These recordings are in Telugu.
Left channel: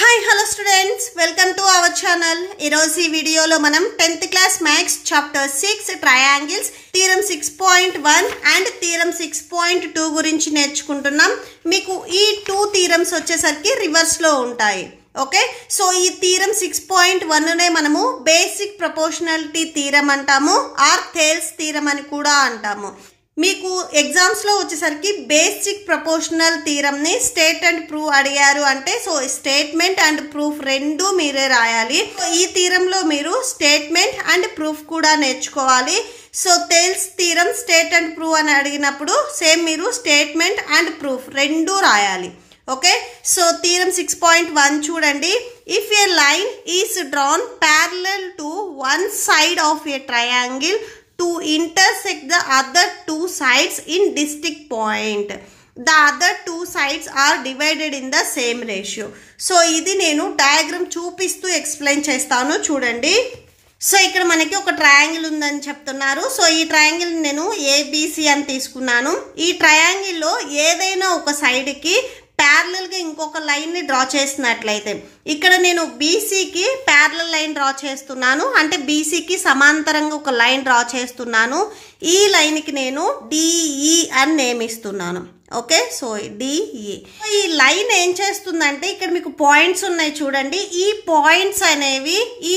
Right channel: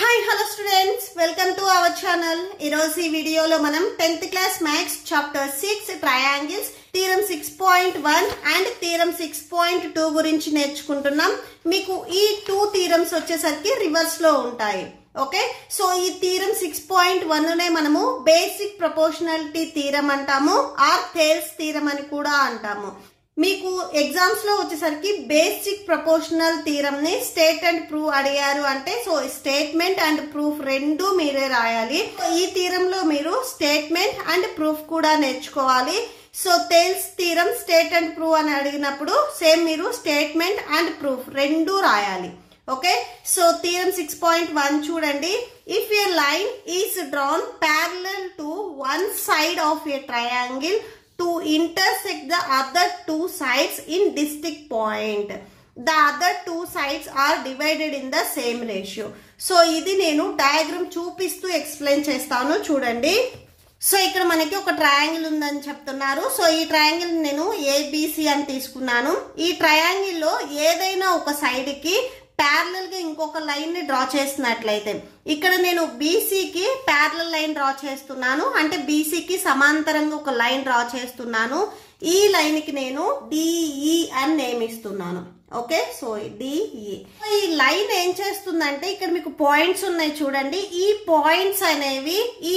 Hi, hello students. Welcome to our channel. Ee video lo manam 10th class maths chapter 6 triangles theorem 6.1 and theorem 6.2 గురించి నేర్చుకుంటున్నాం. మీకు ఈ 2 theorems వచ్చేసరికి రివర్స్ లో ఉంటాయి. ఓకే, సో ఈ థీరం 6.1 నే మనము బేసిక్ ప్రపోర్షనాలిటీ థీరం అంటాము, ఆర్ థేల్స్ థీరం అని కూడా అంటాము. మీకు ఎగ్జామ్స్ లో వచ్చేసరికి బేసిక్ ప్రపోర్షనల్ థీరం ని స్టేట్ అండ్ ప్రూవ్ అడిగారు అంటే సో స్టేట్మెంట్ అండ్ ప్రూఫ్ రెండు మీరే రాయాలి. ఈ థీరం లో మీరు స్టేట్మెంట్ అండ్ ప్రూఫ్ కూడా నేర్చుకోవాలి. So Thales theorem state and prove అని అడిగినప్పుడు సేమ్ మీరు స్టేట్మెంట్ అండ్ ప్రూఫ్ రెండు రాయాలి. ఓకే, సో థీరం 6.1 చూడండి. If A line is drawn parallel to one side of a triangle to intersect the other two sides in distinct point, the other two sides are divided in the same ratio. So ఇది నేను డయాగ్రామ్ చూపిస్తూ ఎక్స్ప్లెయిన్ చేస్తాను చూడండి. సో ఇక్కడ మనకి ఒక ట్రయాంగిల్ ఉందని చెప్తున్నారు. సో ఈ ట్రయాంగిల్ నేను ఏబిసి అని తీసుకున్నాను. ఈ ట్రయాంగిల్ లో ఏదైనా ఒక సైడ్ కి ప్యారలల్ గా ఇంకొక లైన్ ని డ్రా చేసినట్లయితే ఇక్కడ నేను బీసీకి ప్యారలల్ లైన్ డ్రా చేస్తున్నాను, అంటే బీసీకి సమాంతరంగా ఒక లైన్ డ్రా చేస్తున్నాను. ఈ లైన్ కి నేను డిఈ అని నేమ్ ఇస్తున్నాను. Okay, so DE. ఈ లైన్ ఏం చేస్తుందంటే ఇక్కడ మీకు పాయింట్స్ ఉన్నాయి చూడండి. ఈ పాయింట్స్ అనేవి ఈ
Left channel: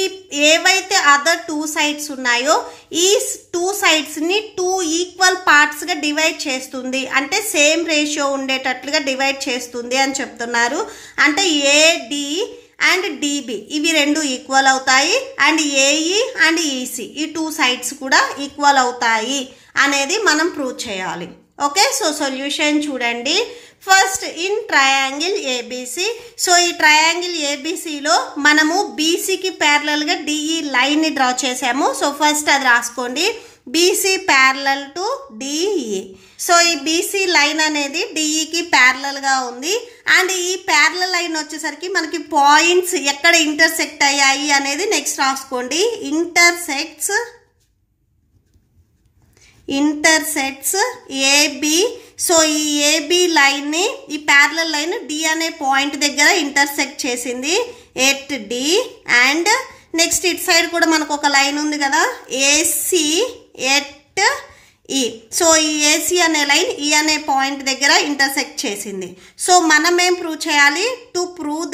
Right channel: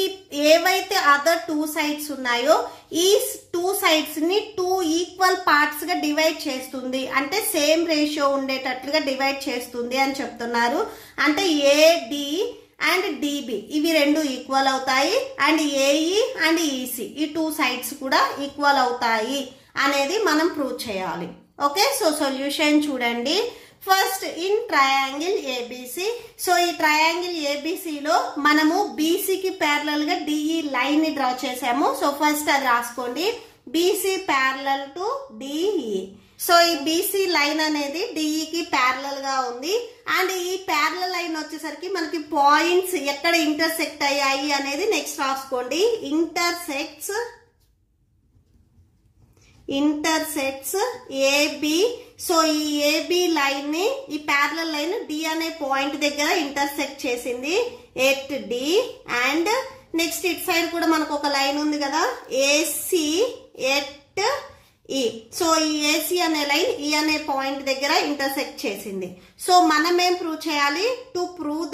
ఏవైతే అదర్ టూ సైడ్స్ ఉన్నాయో ఈ టూ సైడ్స్ ని 2 ఈక్వల్ పార్ట్స్ గా డివైడ్ చేస్తుంది, అంటే సేమ్ రేషియో ఉండేటట్లుగా డివైడ్ చేస్తుంది అని చెప్తున్నారు. అంటే ఏడి అండ్ డిబి ఇవి రెండు ఈక్వల్ అవుతాయి, అండ్ ఏఈ అండ్ ఈసి ఈ టూ సైడ్స్ కూడా ఈక్వల్ అవుతాయి అనేది మనం ప్రూవ్ చేయాలి. ఓకే, సో సొల్యూషన్ చూడండి. First in triangle ABC. So ఈ ట్రయాంగిల్ ఏబిసిలో మనము బీసీకి ప్యారలల్ గా డిఈ లైన్ ని డ్రా చేసాము. సో ఫస్ట్ అది రాసుకోండి, BC parallel to DE. So ఈ బీసీ లైన్ అనేది డిఈకి ప్యారలల్ గా ఉంది, అండ్ ఈ ప్యారలల్ లైన్ వచ్చేసరికి మనకి పాయింట్స్ ఎక్కడ ఇంటర్సెక్ట్ అయ్యాయి అనేది నెక్స్ట్ రాసుకోండి. Intersects AB. సో ఈ ఏబి లైన్ ని ఈ ప్యారలల్ లైన్ డి అనే పాయింట్ దగ్గర ఇంటర్సెక్ట్ చేసింది at D, and next it side కూడా మనకు ఒక లైన్ ఉంది కదా ఏసి ఎట్ ఈ. సో ఈ ఏసి అనే లైన్ ఈ అనే పాయింట్ దగ్గర ఇంటర్సెక్ట్ చేసింది. సో మనం ఏం ప్రూవ్ చేయాలి? టు ప్రూవ్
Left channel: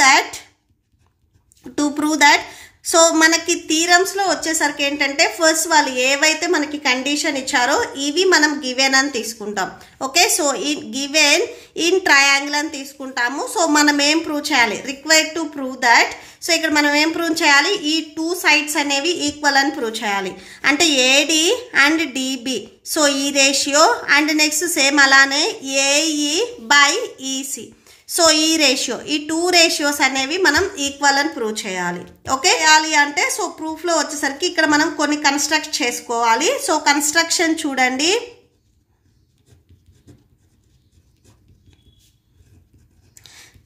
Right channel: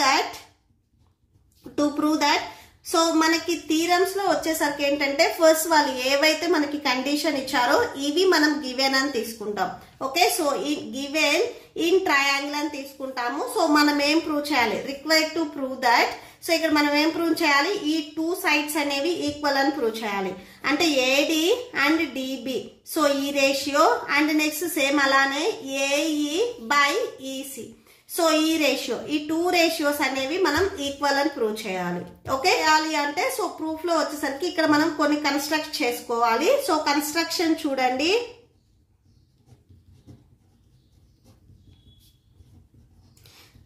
దట్ సో మనకి థీరమ్స్ లో వచ్చేసరికి ఏంటంటే ఫస్ట్ వాళ్ళు ఏవైతే మనకి కండిషన్ ఇచ్చారో ఇవి మనం గివెన్ అని తీసుకుంటాం. ఓకే, సో ఈ గివెన్ ఇన్ ట్రయాంగిల్ అని తీసుకుంటాము. సో మనం ఏం ప్రూవ్ చేయాలి? Required to prove that. So ఇక్కడ మనం ఏం ప్రూవ్ చేయాలి? ఈ టూ సైడ్స్ అనేవి ఈక్వల్ అని ప్రూవ్ చేయాలి, అంటే ఏడి అండ్ డిబి. సో ఈ రేషియో, అండ్ నెక్స్ట్ సేమ్ అలానే ఏఈ బై ఈసి. సో ఈ రేషియో, ఈ టూ రేషియోస్ అనేవి మనం ఈక్వల్ అని ప్రూవ్ చేయాలి. ఓకే, చేయాలి అంటే సో ప్రూఫ్ లో వచ్చేసరికి ఇక్కడ మనం కొన్ని కన్స్ట్రక్ట్ చేసుకోవాలి. సో కన్స్ట్రక్షన్ చూడండి.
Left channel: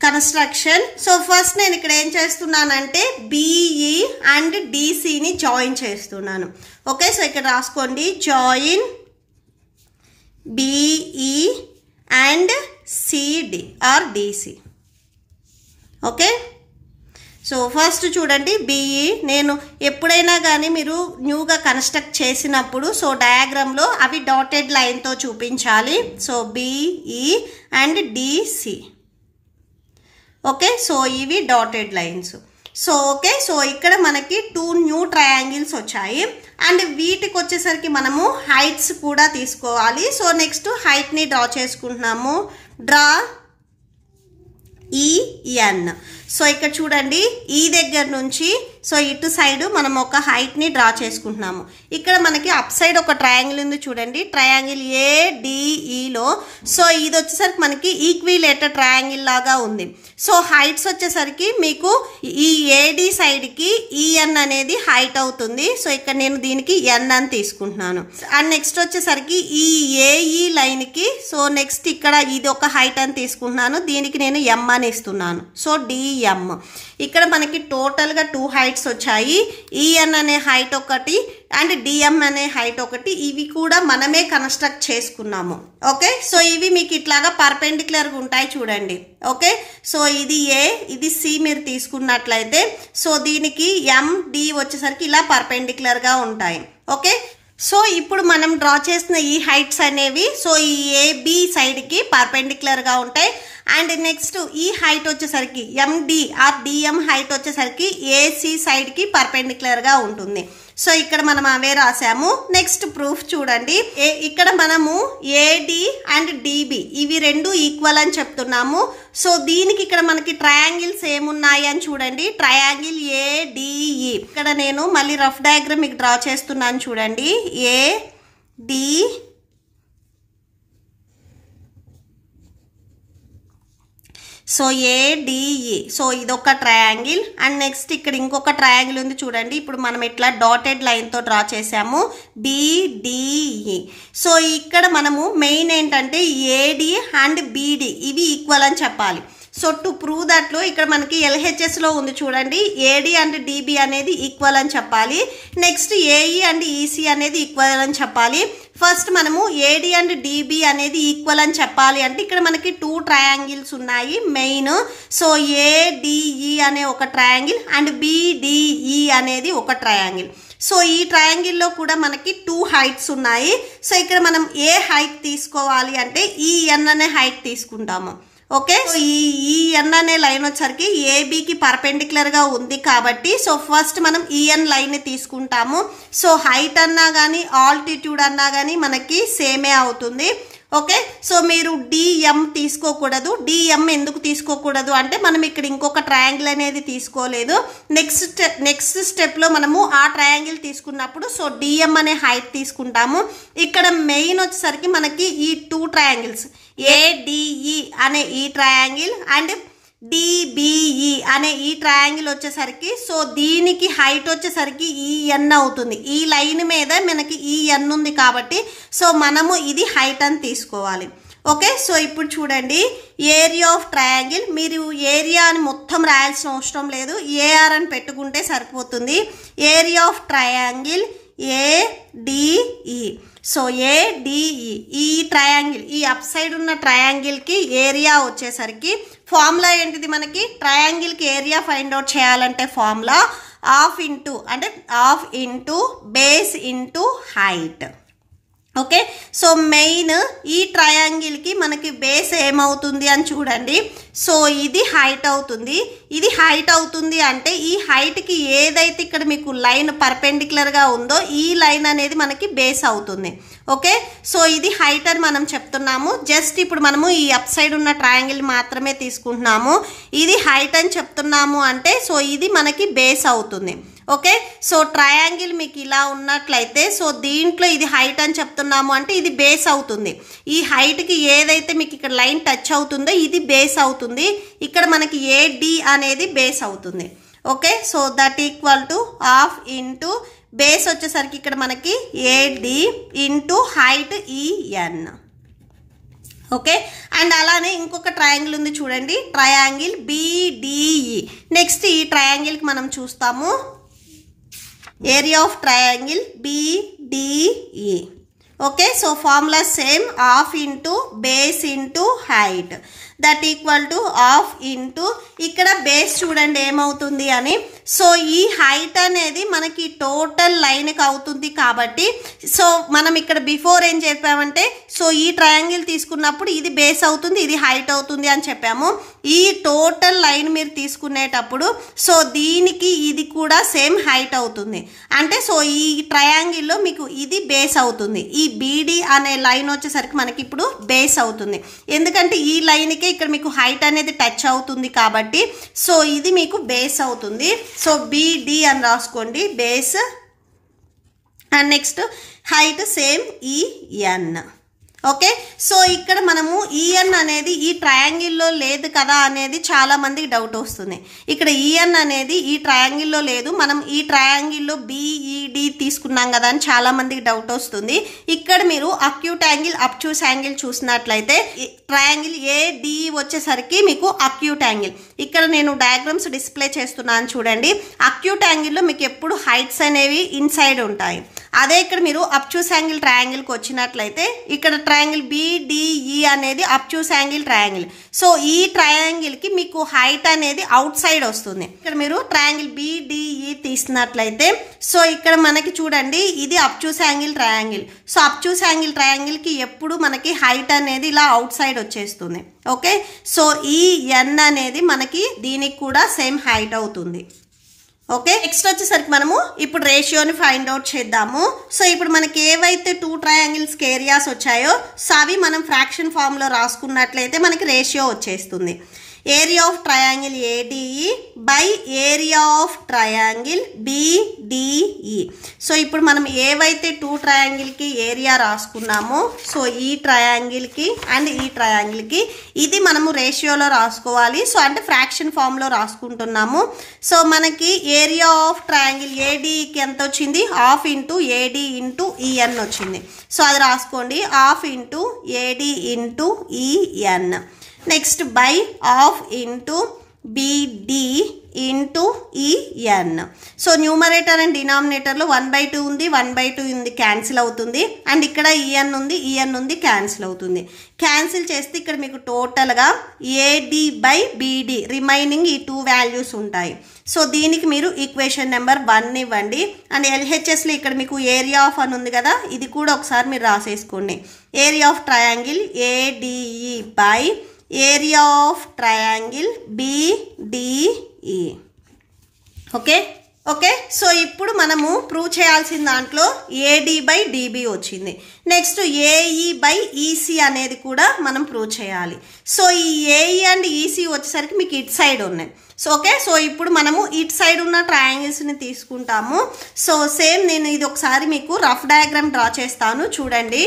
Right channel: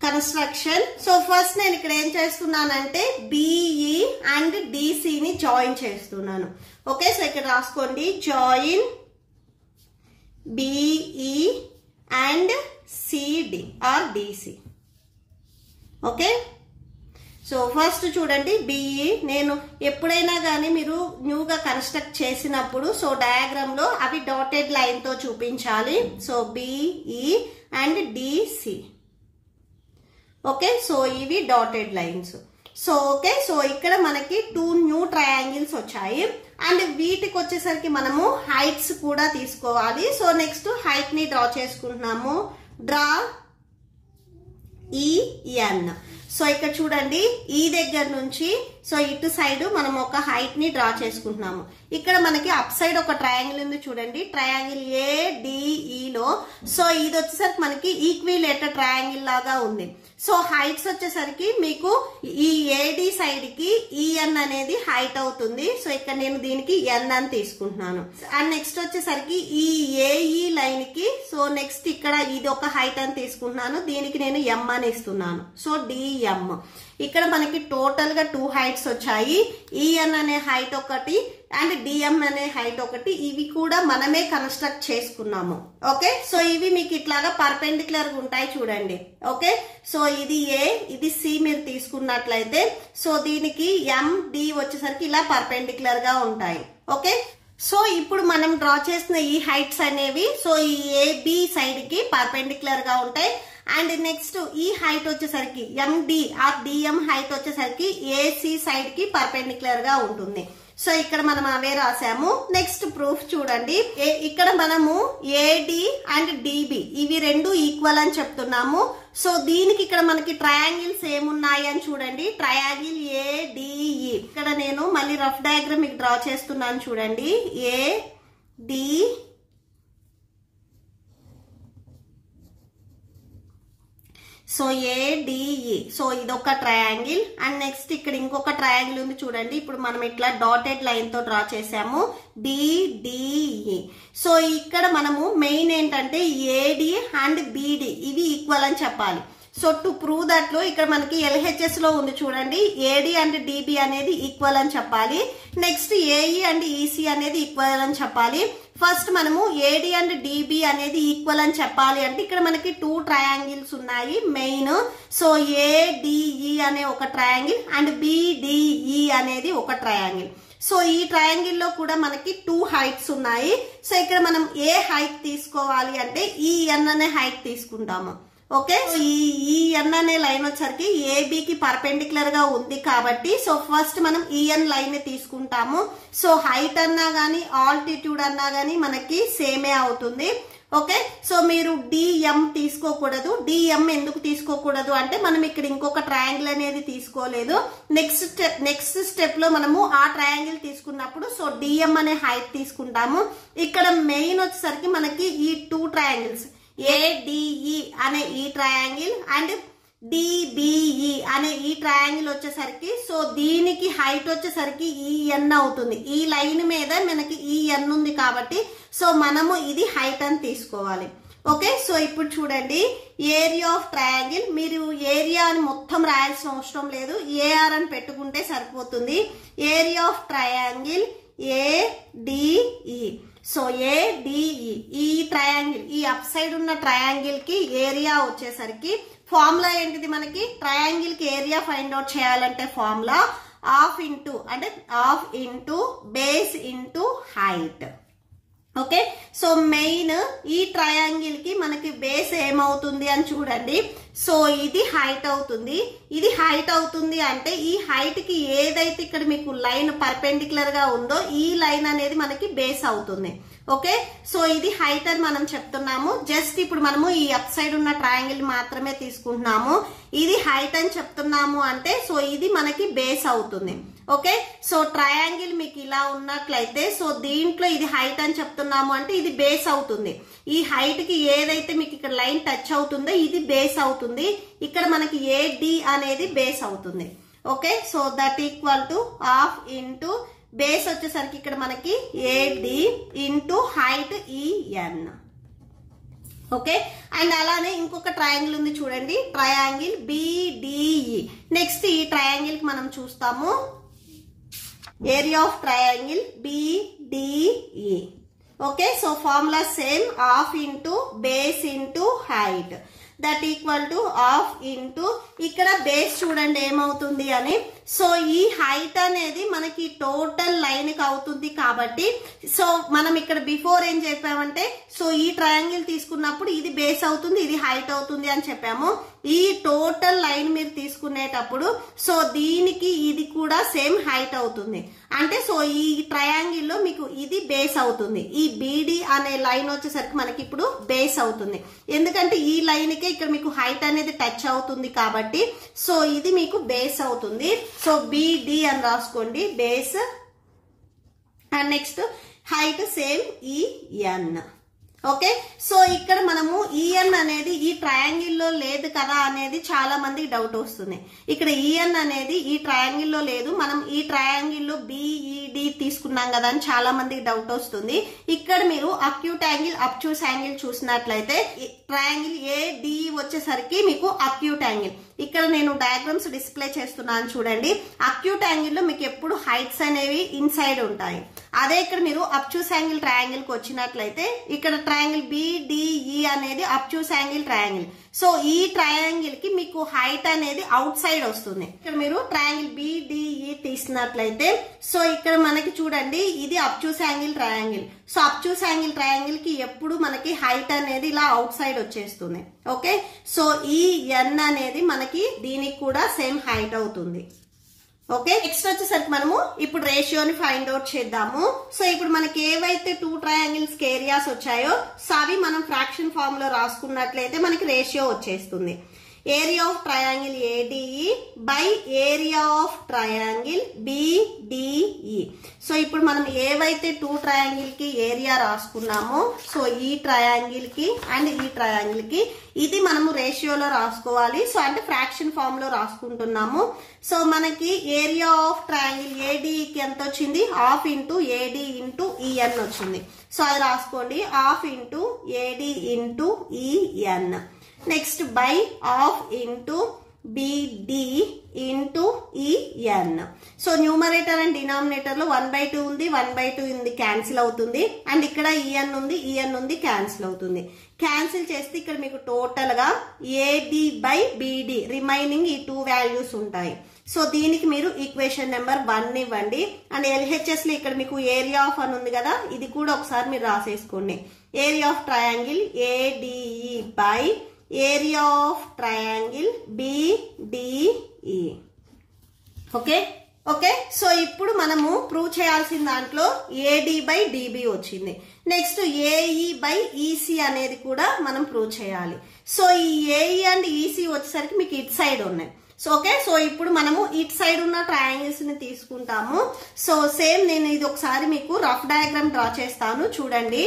కన్స్ట్రక్షన్. సో ఫస్ట్ నేను ఇక్కడ ఏం చేస్తున్నానంటే బిఈ అండ్ డిసిని జాయిన్ చేస్తున్నాను. ఓకే, సో ఇక్కడ రాసుకోండి, join BE and CD or DC. Okay, so first చూడండి బిఈ. నేను ఎప్పుడైనా కానీ మీరు న్యూగా కన్స్ట్రక్ట్ చేసినప్పుడు సో డయాగ్రామ్లో అవి డాటెడ్ లైన్తో చూపించాలి. So BE and DC. Okay, so ఇవి dotted lines. So okay, so ఇక్కడ మనకి 2 న్యూ ట్రయాంగిల్స్ వచ్చాయి, అండ్ వీటికి వచ్చేసరికి మనము హైట్స్ కూడా తీసుకోవాలి. సో నెక్స్ట్ హైట్ ని డ్రా చేసుకుంటున్నాము. Draw EN. సో ఇక్కడ చూడండి, ఈ దగ్గర నుంచి సో ఇటు సైడ్ మనం ఒక హైట్ ని డ్రా చేసుకుంటున్నాము. ఇక్కడ మనకి అప్ సైడ్ ఒక ట్రయాంగిల్ ఉంది చూడండి, ట్రయాంగిల్ ఏడిఈలో. సో ఇది వచ్చేసరికి మనకి ఈక్విలేటర్ ట్రయాంగిల్ లాగా ఉంది. సో హైట్స్ వచ్చేసరికి మీకు ఈ ఏడి సైడ్ కి ఈఎన్ అనేది హైట్ అవుతుంది. సో ఇక్కడ నేను దీనికి ఎన్ అని తీసుకుంటున్నాను, అండ్ నెక్స్ట్ వచ్చేసరికి ఈ ఏఈ లైన్ కి సో నెక్స్ట్ ఇక్కడ ఇది ఒక హైట్ అని తీసుకుంటున్నాను, దీనికి నేను ఎం అని ఇస్తున్నాను. So DM. ఇక్కడ మనకి టోటల్ గా 2 హైట్స్ వచ్చాయి. ఈఎన్ అనే హైట్ ఒకటి, అండ్ డిఎం అనే హైట్ ఒకటి, ఇవి కూడా మనమే కన్స్ట్రక్ట్ చేసుకున్నాము. ఓకే, సో ఇవి మీకు ఇట్లాగా పర్పెండిక్యులర్గా ఉంటాయి చూడండి. ఓకే, సో ఇది ఏ, ఇది సి మీరు తీసుకున్నట్లయితే సో దీనికి ఎండి వచ్చేసరికి ఇలా పర్పెండిక్యులర్గా ఉంటాయి. ఓకే, సో ఇప్పుడు మనం డ్రా చేసిన ఈ హైట్స్ అనేవి సో ఈ ఏబి సైడ్కి పర్పెండిక్యులర్గా ఉంటాయి. అండ్ నెక్స్ట్ ఈ హైట్ వచ్చేసరికి ఎండి ఆర్ డిఎం హైట్ వచ్చేసరికి ఏసి సైడ్కి పర్పెండిక్యులర్గా ఉంటుంది. సో ఇక్కడ మనం అవే రాసాము. నెక్స్ట్ ప్రూఫ్ చూడండి. ఇక్కడ మనము ఏడి అండ్ డిబి ఇవి రెండు ఈక్వల్ అని చెప్తున్నాము. సో దీనికి ఇక్కడ మనకి ట్రయాంగిల్స్ ఏమున్నాయి అని చూడండి. ట్రయాంగిల్ ఏడిఈ, ఇక్కడ నేను మళ్ళీ రఫ్ డయాగ్రామ్ మీకు డ్రా చేస్తున్నాను చూడండి. ఏడి సో ఏడిఈ, సో ఇదొక ట్రయాంగిల్. అండ్ నెక్స్ట్ ఇక్కడ ఇంకొక ట్రయాంగిల్ ఉంది చూడండి. ఇప్పుడు మనం ఇట్లా డాటెడ్ లైన్తో డ్రా చేసాము డిడిఈ. సో ఇక్కడ మనము మెయిన్ ఏంటంటే ఏడి అండ్ బిడి ఇవి ఈక్వల్ అని చెప్పాలి. సో టు ప్రూవ్ దట్లో ఇక్కడ మనకి ఎల్హెచ్ఎస్లో ఉంది చూడండి. ఏడి అండ్ డిబి అనేది ఈక్వల్ అని చెప్పాలి. నెక్స్ట్ ఏఈ అండ్ ఈసీ అనేది ఈక్వల్ అని చెప్పాలి. ఫస్ట్ మనము ఏడి అండ్ డిబి అనేది ఈక్వల్ అని చెప్పాలి అంటే ఇక్కడ మనకి 2 ట్రయాంగిల్స్ ఉన్నాయి మెయిన్. సో ఏడిఈ అనే ఒక ట్రయాంగిల్ అండ్ బిడిఈ అనేది ఒక ట్రయాంగిల్. సో ఈ ట్రయాంగిల్లో కూడా మనకి 2 హైట్స్ ఉన్నాయి. సో ఇక్కడ మనం ఏ హైట్ తీసుకోవాలి అంటే ఈ ఎన్ అనే హైట్ తీసుకుంటాము. ఓకే, ఈ ఎన్ అనే లైన్ వచ్చరికి ఏబికి పర్పెండిక్యులర్ గా ఉంది కాబట్టి సో ఫస్ట్ మనం ఈఎన్ లైన్ ని తీసుకుంటాము. సో హైట్ అన్నా కానీ ఆల్టిట్యూడ్ అన్నా కానీ మనకి సేమే అవుతుంది. ఓకే, సో మీరు డిఎం తీసుకోకూడదు. డిఎం ఎందుకు తీసుకోకూడదు అంటే మనం ఇక్కడ ఇంకొక ట్రయాంగిల్ అనేది తీసుకోలేదు. నెక్స్ట్ స్టెప్ లో మనము ఆ ట్రయాంగిల్ తీసుకున్నప్పుడు సో డిఎం అనే హైట్ తీసుకుంటాము. ఇక్కడ మెయిన్ వచ్చేసరికి మనకి ఈ 2 ట్రయాంగిల్స్ ఏడిఈ అనే ఈ ట్రయాంగిల్ అండ్ డిబిఈ అనే ఈ ట్రయాంగిల్ వచ్చేసరికి సో దీనికి హైట్ వచ్చేసరికి ఈఎన్ అవుతుంది. ఈ లైన్ మీద మనకి ఈఎన్ ఉంది కాబట్టి సో మనము ఇది హైట్ అని తీసుకోవాలి. ఓకే, సో ఇప్పుడు చూడండి ఏరియా ఆఫ్ ట్రయాంగిల్. మీరు ఏరియా అని మొత్తం రాయాల్సిన అవసరం లేదు, ఏఆర్ అని పెట్టుకుంటే సరిపోతుంది. Area of triangle ADE. So ADE ఈ ట్రయాంగిల్, ఈ అప్ సైడ్ ఉన్న ట్రయాంగిల్ కి ఏరియా వచ్చేసరికి ఫార్ములా ఏంటిది మనకి? ట్రయాంగిల్ కి ఏరియా ఫైండ్ అవుట్ చేయాలంటే formula half into base into height. Okay, so main ఈ ట్రయాంగిల్ కి మనకి బేస్ ఏమవుతుంది అని చూడండి. సో ఇది హైట్ అవుతుంది. ఇది హైట్ అవుతుంది అంటే ఈ హైట్ కి ఏదైతే ఇక్కడ మీకు లైన్ పర్పెండిక్యులర్ గా ఉందో ఈ లైన్ అనేది మనకి బేస్ అవుతుంది. ఓకే, సో ఇది హైట్ అని మనం చెప్తున్నాము. జస్ట్ ఇప్పుడు మనము ఈ అప్ సైడ్ ఉన్న ట్రయాంగిల్ మాత్రమే తీసుకుంటున్నాము. ఇది హైట్ అని చెప్తున్నాము అంటే సో ఇది మనకి బేస్ అవుతుంది. ఓకే, సో ట్రయాంగిల్ మీకు ఇలా ఉన్నట్లయితే సో దీంట్లో ఇది హైట్ అని చెప్తున్నాము అంటే ఇది బేస్ అవుతుంది. ఈ హైట్ కి ఏదైతే మీకు ఇక్కడ లైన్ టచ్ అవుతుందో ఇది బేస్ అవుతుంది. ఇక్కడ మనకి ఏడి అనేది బేస్ అవుతుంది. Okay, so that equal to half into base వచ్చేసరికి ఇక్కడ మనకి AD into height EN. Okay, and అలానే ఇంకొక ట్రయాంగిల్ ఉంది చూడండి, ట్రయాంగిల్ బిడిఈ. నెక్స్ట్ ఈ ట్రయాంగిల్ కి మనం చూస్తాము area of triangle BDE. Okay, so formula same, half into base into height that equal to half into ఇక్కడ బేస్ చూడండి ఏమవుతుంది అని. సో ఈ హైట్ అనేది మనకి టోటల్ లైన్కి అవుతుంది కాబట్టి సో మనం ఇక్కడ బిఫోర్ ఏం చెప్పామంటే సో ఈ ట్రయాంగిల్ తీసుకున్నప్పుడు ఇది బేస్ అవుతుంది, ఇది హైట్ అవుతుంది అని చెప్పాము. ఈ టోటల్ లైన్ మీరు తీసుకునేటప్పుడు సో దీనికి ఇది కూడా సేమ్ హైట్ అవుతుంది. అంటే సో ఈ ట్రయాంగిల్లో మీకు ఇది బేస్ అవుతుంది. ఈ బీడి అనే లైన్ వచ్చేసరికి మనకి ఇప్పుడు బేస్ అవుతుంది. ఎందుకంటే ఈ లైన్కే ఇక్కడ మీకు హైట్ అనేది టచ్ అవుతుంది కాబట్టి సో ఇది మీకు బేస్ అవుతుంది. సో బిడి అని రాసుకోండి base. And next height same EN. Okay, so ఇక్కడ మనము ఈఎన్ అనేది ఈ ట్రయాంగిల్లో లేదు కదా అనేది చాలా మందికి డౌట్ వస్తుంది. ఇక్కడ ఈఎన్ అనేది ఈ ట్రయాంగిల్లో లేదు, మనం ఈ ట్రయాంగిల్లో బిఈడి తీసుకున్నాం కదా అని చాలా మందికి డౌట్ వస్తుంది. ఇక్కడ మీరు అక్యూట్ యాంగిల్ అబ్ట్యూస్ యాంగిల్ చూసినట్లయితే ట్రయాంగిల్ ఏడి వచ్చేసరికి మీకు అక్యూట్ యాంగిల్. ఇక్కడ నేను డయాగ్రామ్స్ డిస్ప్లే చేస్తున్నాను చూడండి. అక్యూట్ యాంగిల్లో మీకు ఎప్పుడు హైట్స్ అనేవి ఇన్సైడ్ ఉంటాయి. అదే ఇక్కడ మీరు అబ్ట్యూస్ యాంగిల్ ట్రయాంగిల్కి వచ్చినట్లయితే ఇక్కడ ట్రయాంగిల్ BDE అనేది అబ్ట్యూస్ యాంగిల్ ట్రయాంగిల్. సో ఈ ట్రయాంగిల్కి మీకు హైట్ అనేది అవుట్ సైడ్ వస్తుంది. ఇక్కడ మీరు ట్రయాంగిల్ BDE తీసినట్లయితే సో ఇక్కడ మనకి చూడండి ఇది obtuse angle triangle. So obtuse angle ట్రయాంగిల్కి ఎప్పుడు మనకి హైట్ అనేది ఇలా అవుట్ సైడ్ వచ్చేస్తుంది. ఓకే, సో ఈ N అనేది మనకి దీనికి కూడా సేమ్ హైట్ అవుతుంది. ఓకే, నెక్స్ట్ వచ్చేసరికి మనము ఇప్పుడు రేషియోని ఫైండ్ అవుట్ చేద్దాము. సో ఇప్పుడు మనకి ఏవైతే 2 ట్రయాంగిల్స్కి ఏరియాస్ వచ్చాయో సో అవి మనం ఫ్రాక్షన్ ఫామ్లో రాసుకున్నట్లయితే మనకి రేషియో వచ్చేస్తుంది. Area of triangle ADE by area of triangle BDE. So ఇప్పుడు మనం ఏవైతే 2 ట్రయాంగిల్కి ఏరియా రాసుకున్నామో సో ఈ ట్రయాంగిల్కి అండ్ ఈ ట్రయాంగిల్కి ఇది మనము రేషియోలో రాసుకోవాలి. సో అంటే ఫ్రాక్షన్ ఫామ్లో రాసుకుంటున్నాము. సో మనకి ఏరియా ఆఫ్ ట్రయాంగిల్ ADEకి ఎంత వచ్చింది? Half into AD into EN వచ్చింది. సో అది రాసుకోండి, half into AD into EN. Next by half into BD into EN. So numerator and డినామినేటర్లో 1/2 ఉంది, 1/2 ఉంది, క్యాన్సిల్ అవుతుంది. అండ్ ఇక్కడ EN ఉంది, EN ఉంది, క్యాన్సిల్ అవుతుంది. క్యాన్సిల్ చేస్తే ఇక్కడ మీకు టోటల్గా AD బై BD రిమైనింగ్ ఈ 2 వాల్యూస్ ఉంటాయి. సో దీనికి మీరు ఈక్వేషన్ నెంబర్ 1 ఇవ్వండి. అండ్ LHSలో ఇక్కడ మీకు ఏరియా ఆఫ్ అని ఉంది కదా, ఇది కూడా ఒకసారి మీరు రాసేసుకోండి. Area of triangle ADE by area of triangle BDE. Okay okay, so ఇప్పుడు మనము ప్రూవ్ చేయాల్సిన దాంట్లో AD బై DB వచ్చింది. నెక్స్ట్ AE బై EC అనేది కూడా మనం ప్రూవ్ చేయాలి. సో ఈ AE అండ్ EC వచ్చేసరికి మీకు ఇటు సైడ్ ఉన్నాయి. సో ఓకే, సో ఇప్పుడు మనము ఇటు సైడ్ ఉన్న ట్రయాంగిల్స్ని తీసుకుంటాము. సో సేమ్ నేను ఇది ఒకసారి మీకు రఫ్ డయాగ్రామ్ డ్రా చేస్తాను, చూడండి.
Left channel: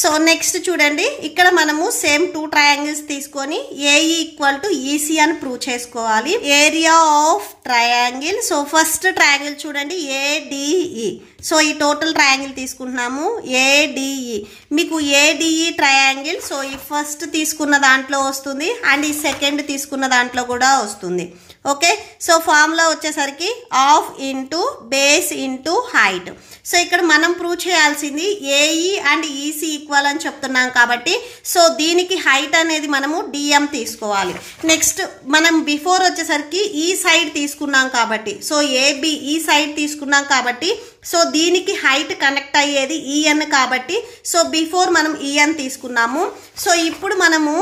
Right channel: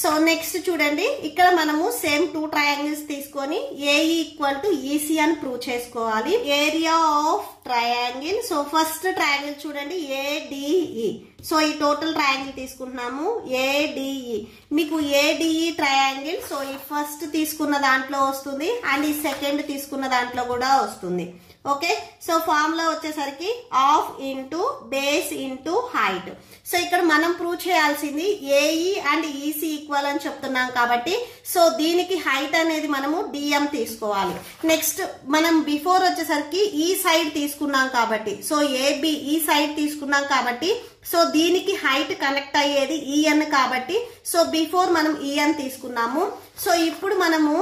సో నెక్స్ట్ చూడండి, ఇక్కడ మనము సేమ్ 2 ట్రయాంగిల్స్ తీసుకొని AE ఈక్వల్ టు EC అని ప్రూవ్ చేసుకోవాలి. Area of triangle, so first triangle చూడండి ADE. సో ఈ టోటల్ ట్రయాంగిల్ తీసుకుంటున్నాము ADE. మీకు ADE ట్రయాంగిల్ సో ఈ ఫస్ట్ తీసుకున్న దాంట్లో వస్తుంది అండ్ ఈ సెకండ్ తీసుకున్న దాంట్లో కూడా వస్తుంది. ఓకే, సో ఫార్ములా వచ్చేసరికి half into base into height. So ఇక్కడ మనం ప్రూవ్ చేయాల్సింది AE అండ్ EC ఈక్వల్ అని చెప్తున్నాం కాబట్టి సో దీనికి హైట్ అనేది మనము DM తీసుకోవాలి. నెక్స్ట్ మనం బిఫోర్ వచ్చేసరికి ఈ సైడ్ తీసుకున్నాం కాబట్టి సో AB ఈ సైడ్ తీసుకున్నాం కాబట్టి సో దీనికి హైట్ కనెక్ట్ అయ్యేది EN కాబట్టి సో బిఫోర్ మనం EN తీసుకున్నాము. సో ఇప్పుడు మనము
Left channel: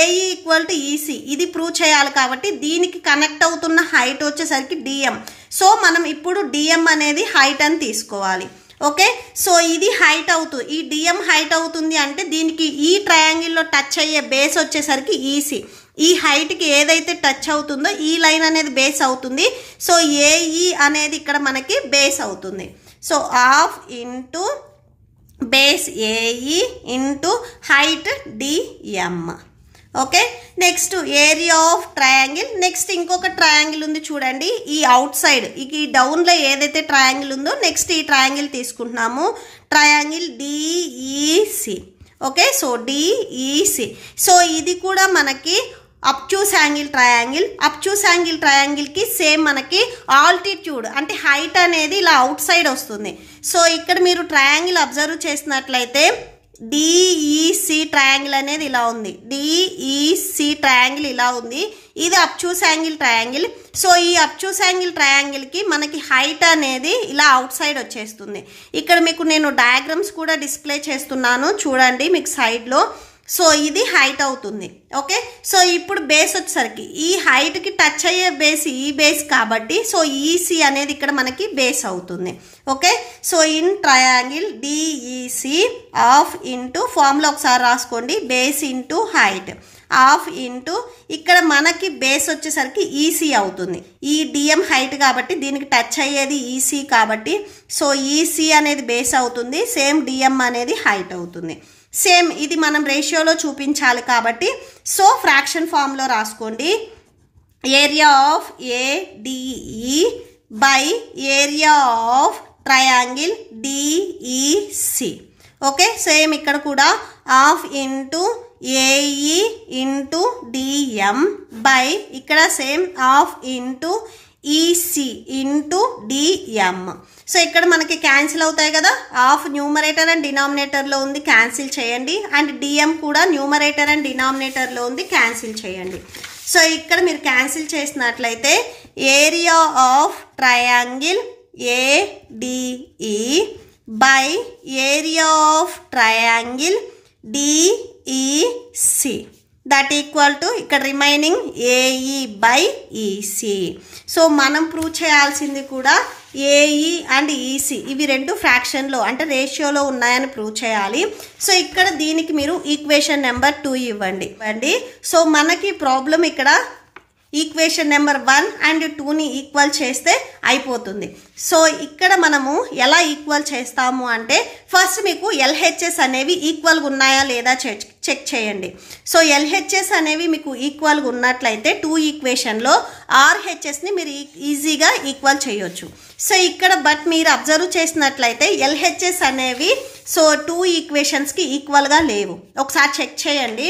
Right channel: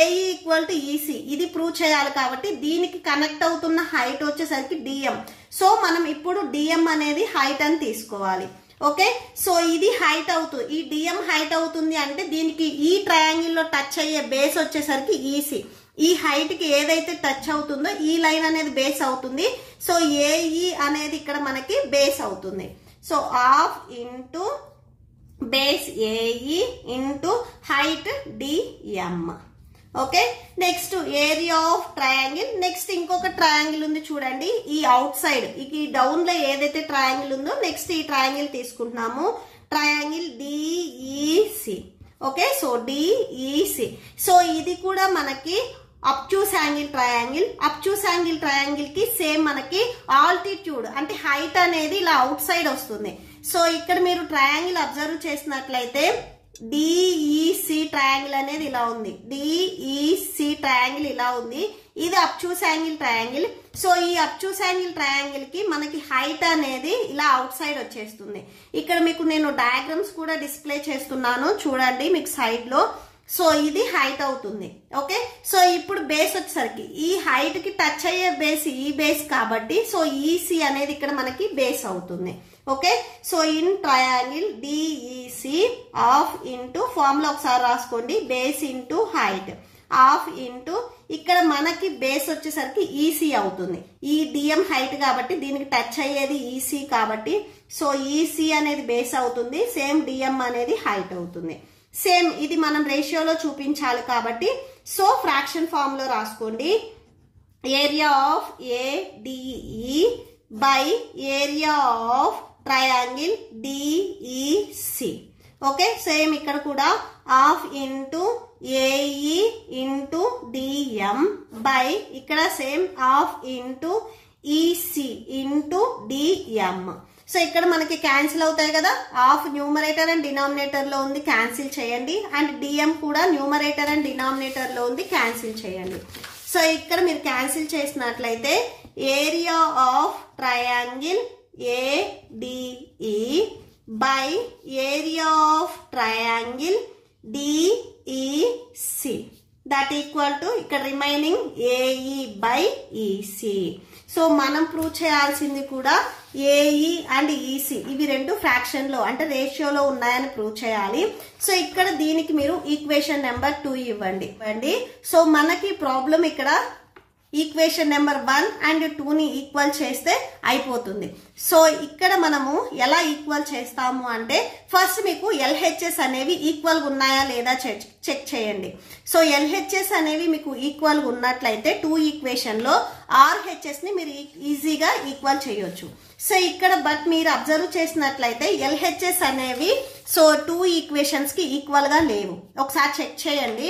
AE ఈక్వల్ టు EC ఇది ప్రూవ్ చేయాలి కాబట్టి దీనికి కనెక్ట్ అవుతున్న హైట్ వచ్చేసరికి DM. సో మనం ఇప్పుడు DM అనేది హైట్ అని తీసుకోవాలి. ఓకే, సో ఇది హైట్ అవుతుంది, ఈ DM హైట్ అవుతుంది అంటే దీనికి ఈ ట్రయాంగిల్లో టచ్ అయ్యే బేస్ వచ్చేసరికి EC. ఈ హైట్కి ఏదైతే టచ్ అవుతుందో ఈ లైన్ అనేది బేస్ అవుతుంది. సో AE అనేది ఇక్కడ మనకి బేస్ అవుతుంది. So half into base AE into height DM. Okay, next area of triangle. Next ఇంకొక ట్రయాంగిల్ ఉంది చూడండి, ఈ అవుట్ సైడ్ ఈ డౌన్లో ఏదైతే ట్రయాంగిల్ ఉందో నెక్స్ట్ ఈ ట్రయాంగిల్ తీసుకుంటున్నాము, triangle DEC. Okay, so DEC. So ఇది కూడా మనకి obtuse angle triangle. Obtuse angle ట్రయాంగిల్కి సేమ్ మనకి ఆల్టిట్యూడ్ అంటే హైట్ అనేది ఇలా అవుట్ సైడ్ వస్తుంది. సో ఇక్కడ మీరు ట్రయాంగిల్ అబ్జర్వ్ చేసినట్లయితే DEC ట్రయాంగిల్ అనేది ఇలా ఉంది, DEC ట్రయాంగిల్ ఇలా ఉంది. ఇది అబ్ట్యూస్ యాంగిల్ ట్రయాంగిల్. సో ఈ అబ్ట్యూస్ యాంగిల్ ట్రయాంగిల్కి మనకి హైట్ అనేది ఇలా అవుట్ సైడ్ వచ్చేస్తుంది. ఇక్కడ మీకు నేను డయాగ్రామ్స్ కూడా డిస్ప్లే చేస్తున్నాను చూడండి మీకు సైడ్లో. సో ఇది హైట్ అవుతుంది. ఓకే, సో ఇప్పుడు బేస్ వచ్చేసరికి ఈ హైట్కి టచ్ అయ్యే బేస్ ఈ బేస్ కాబట్టి సో EC అనేది ఇక్కడ మనకి బేస్ అవుతుంది. Okay, so in triangle DEC half into formula ఒకసారి రాసుకోండి, base into height half into ఇక్కడ మనకి బేస్ వచ్చేసరికి EC అవుతుంది. ఈ DM హైట్ కాబట్టి దీనికి టచ్ అయ్యేది EC కాబట్టి సో EC అనేది బేస్ అవుతుంది, సేమ్ DM అనేది హైట్ అవుతుంది. సేమ్ ఇది మనం రేషియోలో చూపించాలి కాబట్టి సో ఫ్రాక్షన్ ఫామ్లో రాసుకోండి, area of ADE by area of triangle DEC. Okay, same ఇక్కడ కూడా half into AE into DM by ఇక్కడ same half into EC into DM. So ఇక్కడ మనకి క్యాన్సిల్ అవుతాయి కదా, ఆఫ్ న్యూమరేటర్ అండ్ డినామినేటర్లో ఉంది, క్యాన్సిల్ చేయండి. అండ్ డిఎం కూడా న్యూమరేటర్ అండ్ డినామినేటర్లో ఉంది, క్యాన్సిల్ చేయండి. సో ఇక్కడ మీరు క్యాన్సిల్ చేసినట్లయితే area of triangle ADE by area of triangle DEC that equal to ఇక్కడ remaining AE by EC. So మనం ప్రూవ్ చేయాల్సింది కూడా ఏఈ అండ్ ఈసీ ఇవి రెండు ఫ్రాక్షన్లో అంటే రేషియోలో ఉన్నాయని ప్రూవ్ చేయాలి. సో ఇక్కడ దీనికి మీరు ఈక్వేషన్ నెంబర్ 2 ఇవ్వండి. సో మనకి ప్రాబ్లం ఇక్కడ ఈక్వేషన్ నెంబర్ 1 అండ్ 2ని ఈక్వల్ చేస్తే అయిపోతుంది. సో ఇక్కడ మనము ఎలా ఈక్వల్ చేస్తాము అంటే ఫస్ట్ మీకు ఎల్హెచ్ఎస్ అనేవి ఈక్వల్గా ఉన్నాయా లేదా చెక్ చేయండి. సో ఎల్హెచ్ఎస్ అనేవి మీకు ఈక్వల్గా ఉన్నట్లయితే 2 ఈక్వేషన్లో ఆర్హెచ్ఎస్ని మీరు ఈజీగా ఈక్వల్ చేయొచ్చు. సో ఇక్కడ బట్ మీరు అబ్జర్వ్ చేసినట్లయితే ఎల్హెచ్ఎస్ అనేవి సో 2 ఈక్వేషన్స్కి ఈక్వల్గా లేవు. ఒకసారి చెక్ చేయండి.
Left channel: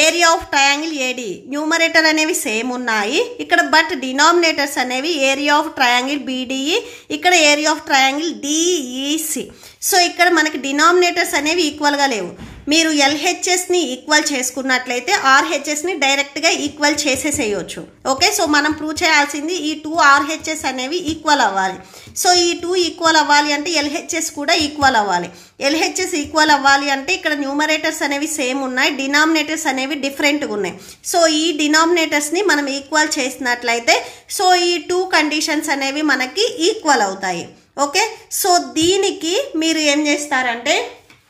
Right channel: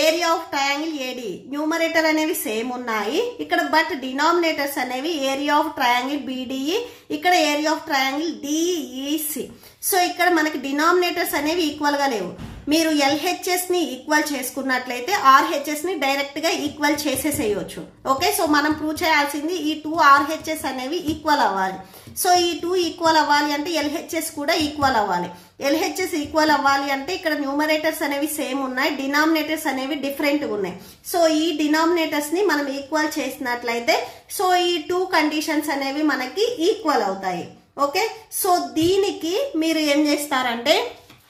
Area of triangle AD numerator అనేవి సేమ్ ఉన్నాయి ఇక్కడ, బట్ డినామినేటర్స్ అనేవి ఏరియా ఆఫ్ ట్రయాంగిల్ బీడిఈ, ఇక్కడ area of triangle DEC. So ఇక్కడ మనకి డినామినేటర్స్ అనేవి ఈక్వల్గా లేవు. మీరు ఎల్హెచ్ఎస్ని ఈక్వల్ చేసుకున్నట్లయితే ఆర్హెచ్ఎస్ని డైరెక్ట్గా ఈక్వల్ చేసేసేయచ్చు. ఓకే, సో మనం ప్రూవ్ చేయాల్సింది ఈ 2 ఆర్హెచ్ఎస్ అనేవి ఈక్వల్ అవ్వాలి. సో ఈ 2 ఈక్వల్ అవ్వాలి అంటే ఎల్హెచ్ఎస్ కూడా ఈక్వల్ అవ్వాలి. ఎల్హెచ్ఎస్ ఈక్వల్ అవ్వాలి అంటే ఇక్కడ న్యూమరేటర్స్ అనేవి సేమ్ ఉన్నాయి, డినామినేటర్స్ అనేవి డిఫరెంట్గా ఉన్నాయి. సో ఈ డినామినేటర్స్ని మనం ఈక్వల్ చేసినట్లయితే సో ఈ 2 కండిషన్స్ అనేవి మనకి ఈక్వల్ అవుతాయి. ఓకే, సో దీనికి మీరు ఏం చేస్తారంటే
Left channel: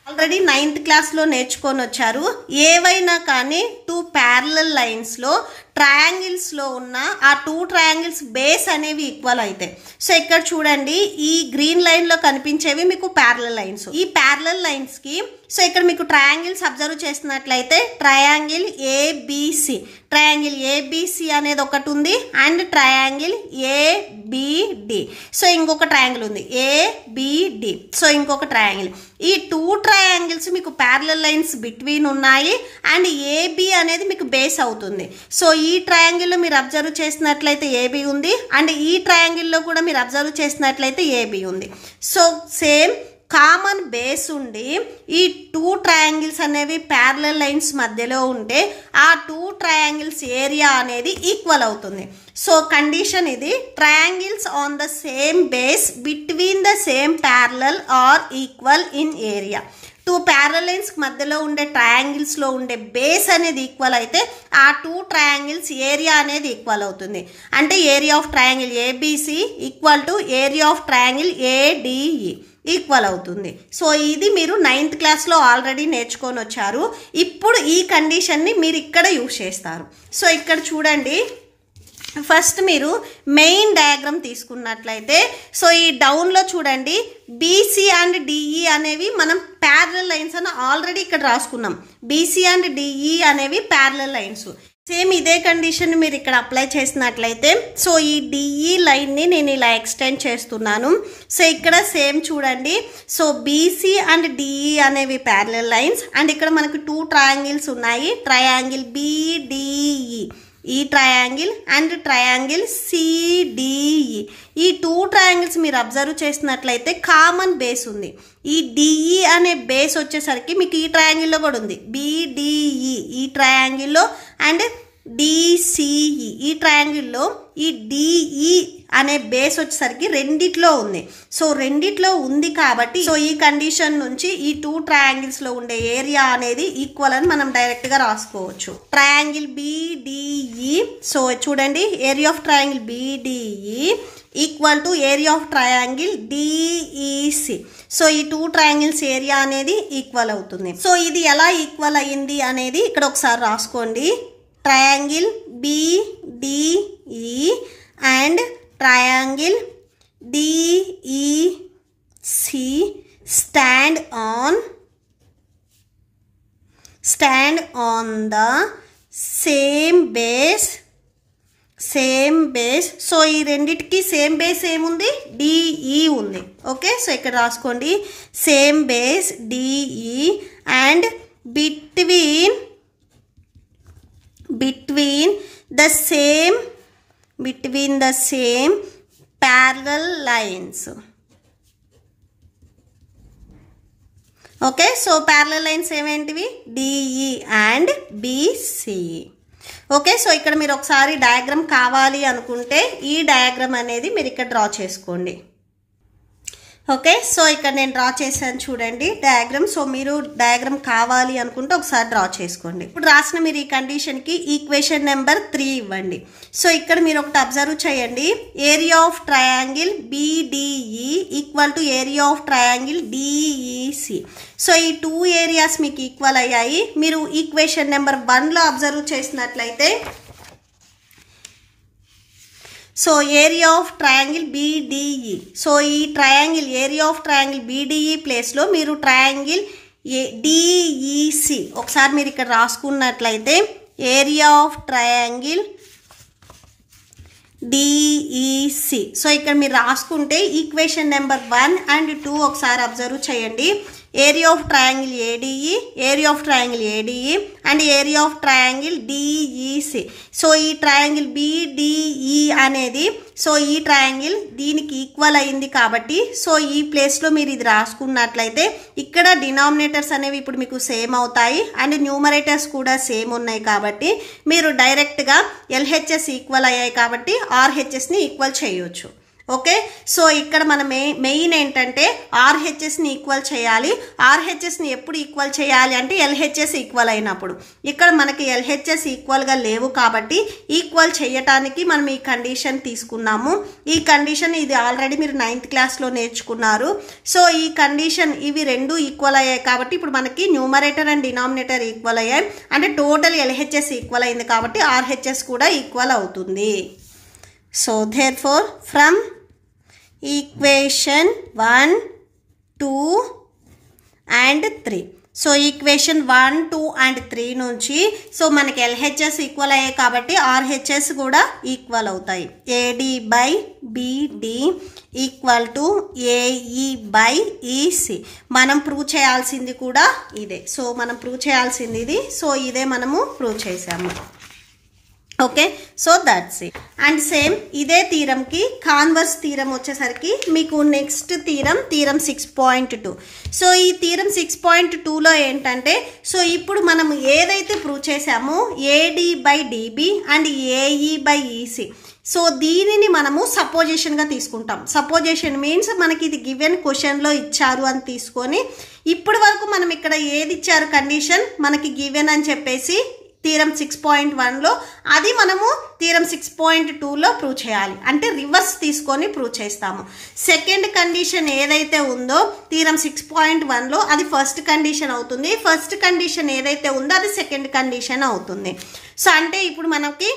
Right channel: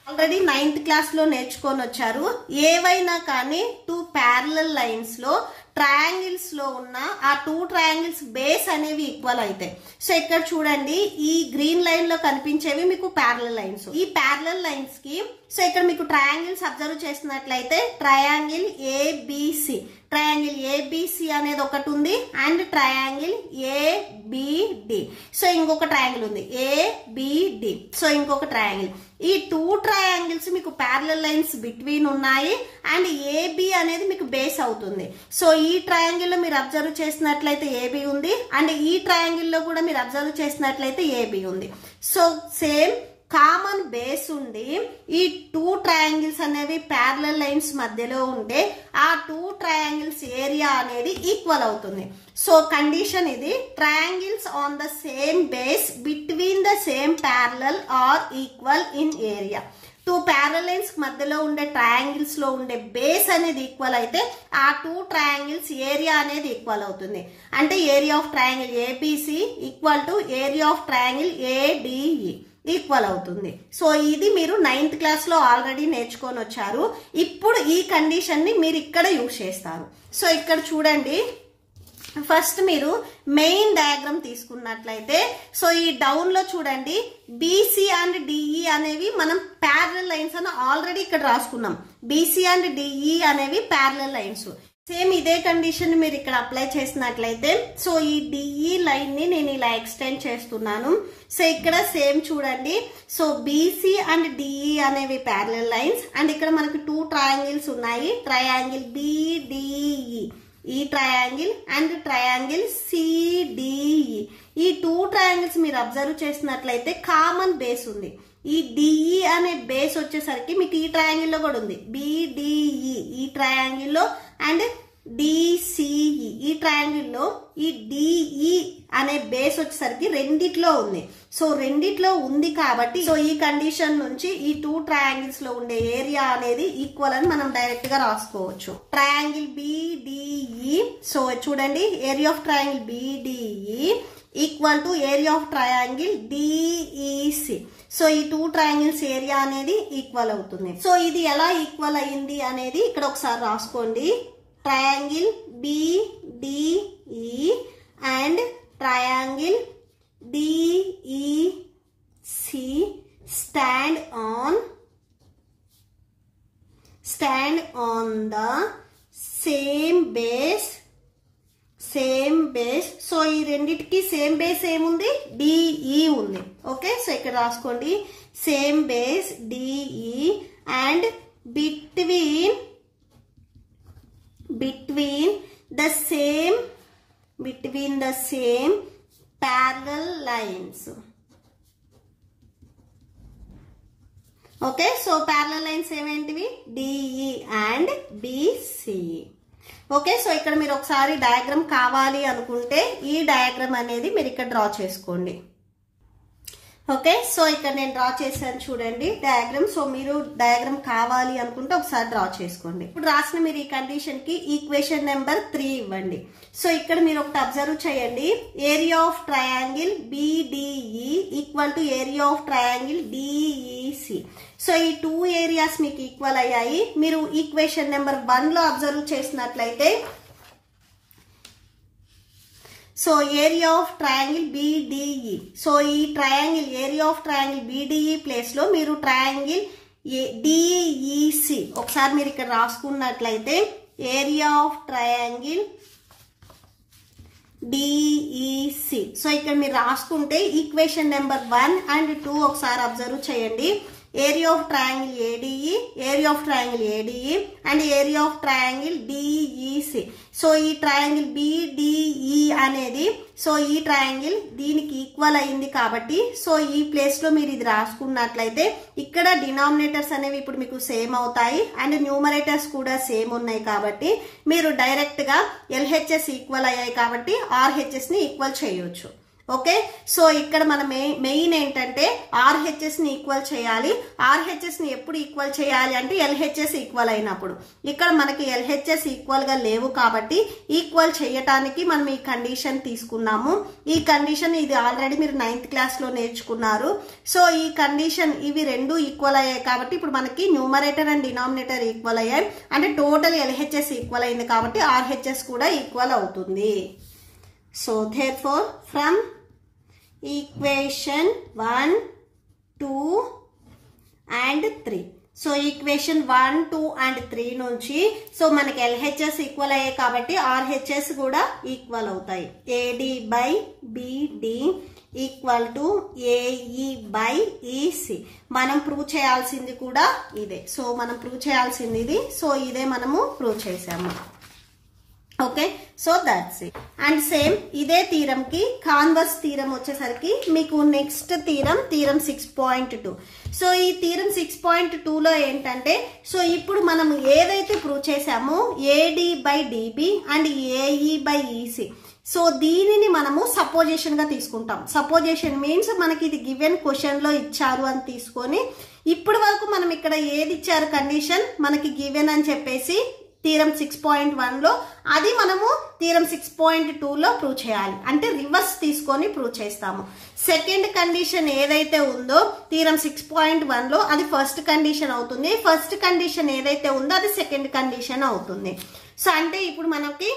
ఆల్రెడీ 9th క్లాస్లో నేర్చుకొని వచ్చారు. ఏవైనా కానీ 2 ప్యారలల్ లైన్స్లో ట్రయాంగిల్స్లో ఉన్న ఆ 2 ట్రయాంగిల్స్ బేస్ అనేవి ఈక్వల్ అవుతాయి. సో ఇక్కడ చూడండి ఈ గ్రీన్ లైన్లో కనిపించేవి మీకు ప్యారలల్ లైన్స్. ఈ ప్యారలల్ లైన్స్కి సో ఇక్కడ మీకు ట్రయాంగిల్స్ అబ్జర్వ్ చేసినట్లయితే ట్రయాంగిల్ ఏబిసి, ట్రయాంగిల్ ఏబిసి అనేది ఒకటి ఉంది అండ్ ట్రయాంగిల్ ఏబిడి. సో ఇంకొక ట్రయాంగిల్ ఉంది ఏబిడి. సో ఇంకొక ట్రయాంగిల్. ఈ 2 ట్రయాంగిల్స్ మీకు ప్యారలల్ లైన్స్ బిట్వీన్ ఉన్నాయి అండ్ ఏబి అనేది మీకు బేస్ అవుతుంది. సో ఈ ట్రయాంగిల్లో మీరు అబ్జర్వ్ చేసినట్లయితే ఏబి ఉంది అండ్ ఈ ట్రయాంగిల్లో కూడా మీరు అబ్జర్వ్ చేసినట్లయితే ఏబి ఉంది. సో సేమ్ కామన్ బేస్ ఉండి ఈ 2 ట్రయాంగిల్స్ అనేవి ప్యారలల్ లైన్స్ మధ్యలో ఉంటే ఆ 2 ట్రయాంగిల్స్ ఏరియా అనేది ఈక్వల్ అవుతుంది. సో కండిషన్ ఇది, triangles on the same base between the same parallel are equal in area. 2 parallel lines మధ్యలో ఉండే ట్రయాంగిల్స్లో ఉండే బేస్ అనేది ఈక్వల్ అయితే ఆ 2 ట్రయాంగిల్స్ ఏరియా అనేది ఈక్వల్ అవుతుంది. అంటే area of triangle ABC equal to area of triangle ADE equal అవుతుంది. సో ఇది మీరు 9th క్లాస్లో ఆల్రెడీ నేర్చుకొని వచ్చారు. ఇప్పుడు ఈ కండిషన్ని మీరు ఇక్కడ యూజ్ చేస్తారు. సో ఇక్కడ చూడండి, ఫస్ట్ మీరు మెయిన్ డయాగ్రామ్ తీసుకున్నట్లయితే సో ఈ డౌన్లో చూడండి బీసీ అండ్ డిఈ అనేవి మనం ప్యారలల్ లైన్స్ అని ఆల్రెడీ ఇక్కడ రాసుకున్నాం. బీసీ అండ్ డిఈ అనేవి ప్యారలల్ లైన్స్. సేమ్ ఇదే కండిషన్ మీరు ఇక్కడ అప్లై చేసినట్లయితే సో ఈ డిఈ లైన్ని నేను ఇలా ఎక్స్టెండ్ చేస్తున్నాను. సో ఇక్కడ సేమ్ చూడండి, సో బీసీ అండ్ డిఈ అనేవి ప్యారలల్ లైన్స్ అండ్ ఇక్కడ మనకు 2 ట్రయాంగిల్స్ ఉన్నాయి, ట్రయాంగిల్ బిడిఈ ఈ ట్రయాంగిల్ అండ్ ట్రయాంగిల్ సిడిఈ. ఈ 2 ట్రయాంగిల్స్ మీరు అబ్జర్వ్ చేసినట్లయితే కామన్ బేస్ ఉంది. ఈ డిఈ అనే బేస్ వచ్చేసరికి మీకు ఈ ట్రయాంగిల్లో కూడా ఉంది, బిడిఈ ఈ ట్రయాంగిల్లో అండ్ డిసిఈ ఈ ట్రయాంగిల్లో ఈ డిఈ అనే బేస్ వచ్చేసరికి రెండిట్లో ఉంది. సో రెండిట్లో ఉంది కాబట్టి సో ఈ కండిషన్ నుంచి ఈ 2 ట్రయాంగిల్స్ లో ఉండే ఏరియా అనేది ఈక్వల్ అని మనం డైరెక్ట్ గా రాసుకోవచ్చు. ట్రయాంగిల్ బిడిఈ, సో చూడండి area of triangle BDE equal to area of triangle DEC. So ఈ 2 ట్రయాంగిల్స్ ఏరియా అనేది ఈక్వల్ అవుతుంది. సో ఇది ఎలా ఈక్వల్ అయ్యింది అనేది ఇక్కడ ఒకసారి రాసుకోండి. Triangle BDE and triangle DEC stand on the same base. So ఈ రెండిటికి సేమ్ బేస్ ఏముంది, డిఈ ఉంది. ఓకే, సో ఇక్కడ రాసుకోండి same base DE and between the same between the same parallel lines. Okay, so parallel lines ఏమేంటివి DE and BC. Okay, so ఇక్కడ మీరు ఒకసారి డయాగ్రామ్ కావాలి అనుకుంటే ఈ డయాగ్రామ్ అనేది మీరు ఇక్కడ డ్రా చేసుకోండి. ఓకే, సో ఇక్కడ నేను డ్రా చేశాను చూడండి డయాగ్రామ్. సో మీరు డయాగ్రామ్ కావాలి అనుకుంటే ఒకసారి డ్రా చేసుకోండి. ఇప్పుడు రాసిన మీరు ఈ కండిషన్కి ఈక్వేషన్ నెంబర్ 3 ఇవ్వండి. సో ఇక్కడ మీరు ఒకటి అబ్జర్వ్ చేయండి, area of triangle BDE equal to area of triangle DEC. So ఈ 2 ఏరియాస్ మీకు ఈక్వల్ అయ్యాయి. మీరు ఈక్వేషన్ నెంబర్ 1లో అబ్జర్వ్ చేసినట్లయితే so area of triangle BDE, so ఈ triangle area of triangle BDE ప్లేస్లో మీరు ట్రయాంగిల్ DEC ఒకసారి మీరు ఇక్కడ రాసుకున్నట్లయితే area of triangle DEC. So ఇక్కడ మీరు రాసుకుంటే ఈక్వేషన్ నెంబర్ 1 and 2 ఒకసారి అబ్జర్వ్ చేయండి. Area of triangle ADE, area of triangle ADE and area of triangle DEC. So ఈ ట్రయాంగిల్ BDE అనేది సో ఈ ట్రయాంగిల్ దీనికి ఈక్వల్ అయింది కాబట్టి సో ఈ ప్లేస్లో మీరు ఇది రాసుకున్నట్లయితే ఇక్కడ డినామినేటర్స్ అనేవి ఇప్పుడు మీకు సేమ్ అవుతాయి అండ్ న్యూమరేటర్స్ కూడా సేమ్ ఉన్నాయి కాబట్టి మీరు డైరెక్ట్గా LHS ఈక్వల్ అయ్యాయి కాబట్టి RHSని ఈక్వల్ చేయొచ్చు. ఓకే, సో ఇక్కడ మనం మెయిన్ ఏంటంటే RHSని ఈక్వల్ చేయాలి. RHSని ఎప్పుడు ఈక్వల్ చేయాలి అంటే LHS ఈక్వల్ అయినప్పుడు. ఇక్కడ మనకి LHS ఈక్వల్గా లేవు కాబట్టి ఈక్వల్ చేయటానికి మనం ఈ కండిషన్ తీసుకున్నాము. ఈ కండిషన్ ఇది ఆల్రెడీ మీరు 9th క్లాస్లో నేర్చుకున్నారు. సో ఈ కండిషన్ ఇవి రెండు ఈక్వల్ అయ్యాయి కాబట్టి ఇప్పుడు మనకి న్యూమరేటర్ అండ్ డినామినేటర్ ఈక్వల్ అయ్యాయి అంటే టోటల్ LHS ఈక్వల్ అయింది కాబట్టి RHS కూడా ఈక్వల్ అవుతుంది. So therefore from equation 1, 2 and 3. So equation 1, 2 and 3 నుంచి సో మనకి LHS ఈక్వల్ అయ్యాయి కాబట్టి RHS కూడా ఈక్వల్ అవుతాయి. AD by BD equal to AE by EC. మనం ప్రూవ్ చేయాల్సింది కూడా ఇదే. సో మనం ప్రూవ్ చేయాల్సింది ఇది. సో ఇదే మనము ప్రూవ్ చేసాము. Okay, so that's it. And same ఇదే థీరంకి కాన్వర్స్ థీరం వచ్చేసరికి మీకు నెక్స్ట్ థీరం 6.2. సో ఈ థీరం 6.2లో ఏంటంటే సో ఇప్పుడు మనం ఏదైతే ప్రూవ్ చేసామో AD by DB and AE by EC. So దీనిని మనము సపోజిషన్గా తీసుకుంటాం. సపోజిషన్ మీన్స్ మనకి ఇది గివెన్ క్వశ్చన్లో ఇచ్చారు అని తీసుకొని ఇప్పటి వరకు మనం ఇక్కడ ఏది ఇచ్చారు కండిషన్ మనకి గివెన్ అని చెప్పేసి థీరం 6.1లో అది మనము థీరం 6.2లో ప్రూవ్ చేయాలి. అంటే రివర్స్ తీసుకొని ప్రూవ్ చేస్తాము. సెకండ్ కండిషన్ ఏదైతే ఉందో థీరం 6.1లో అది ఫస్ట్ కండిషన్ అవుతుంది. ఫస్ట్ కండిషన్ ఏదైతే ఉందో అది సెకండ్ కండిషన్ అవుతుంది. సో అంటే ఇప్పుడు మనకి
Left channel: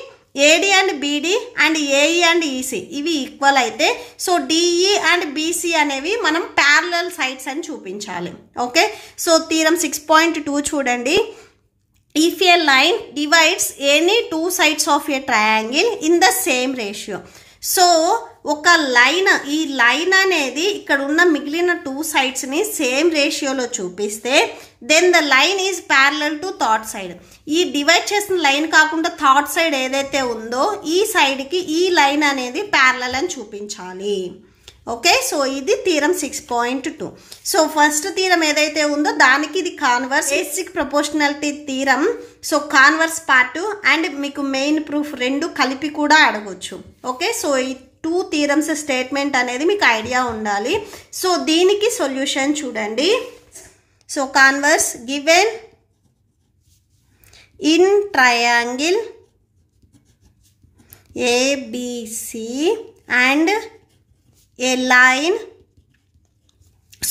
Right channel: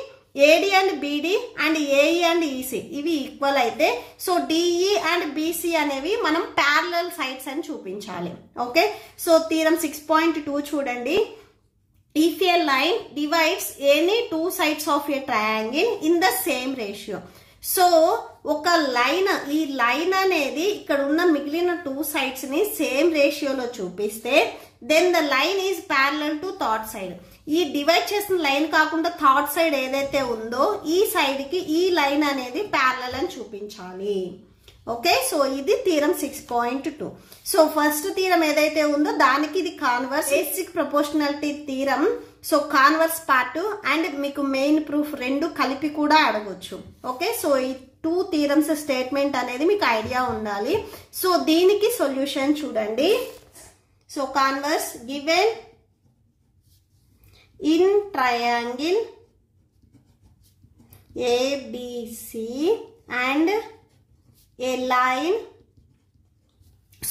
AD and BD and AE and EC ఇవి ఈక్వల్ అయితే సో DE అండ్ BC అనేవి మనం ప్యారలల్ సైడ్స్ అని చూపించాలి. ఓకే, సో థీరం 6.2 చూడండి. If a line divides any two sides of a triangle in the same ratio. So ఒక లైన్ ఈ లైన్ అనేది ఇక్కడ ఉన్న మిగిలిన 2 sides ని సేమ్ రేషియోలో చూపిస్తే then the line is parallel to third side. ఈ డివైడ్ చేసిన లైన్ కాకుండా థర్డ్ సైడ్ ఏదైతే ఉందో ఈ సైడ్కి ఈ లైన్ అనేది ప్యారలల్ అని చూపించాలి. ఓకే, సో ఇది థీరం 6.2. సో ఫస్ట్ థీరం ఏదైతే ఉందో దానికి ఇది converse basic proportionality theorem. So converse part and మీకు మెయిన్ ప్రూఫ్ రెండు కలిపి కూడా అడగొచ్చు. ఓకే, సో ఈ 2 థీరమ్స్ స్టేట్మెంట్ అనేది మీకు ఐడియా ఉండాలి. సో దీనికి సొల్యూషన్ చూడండి. So converse given in triangle ABC and A line.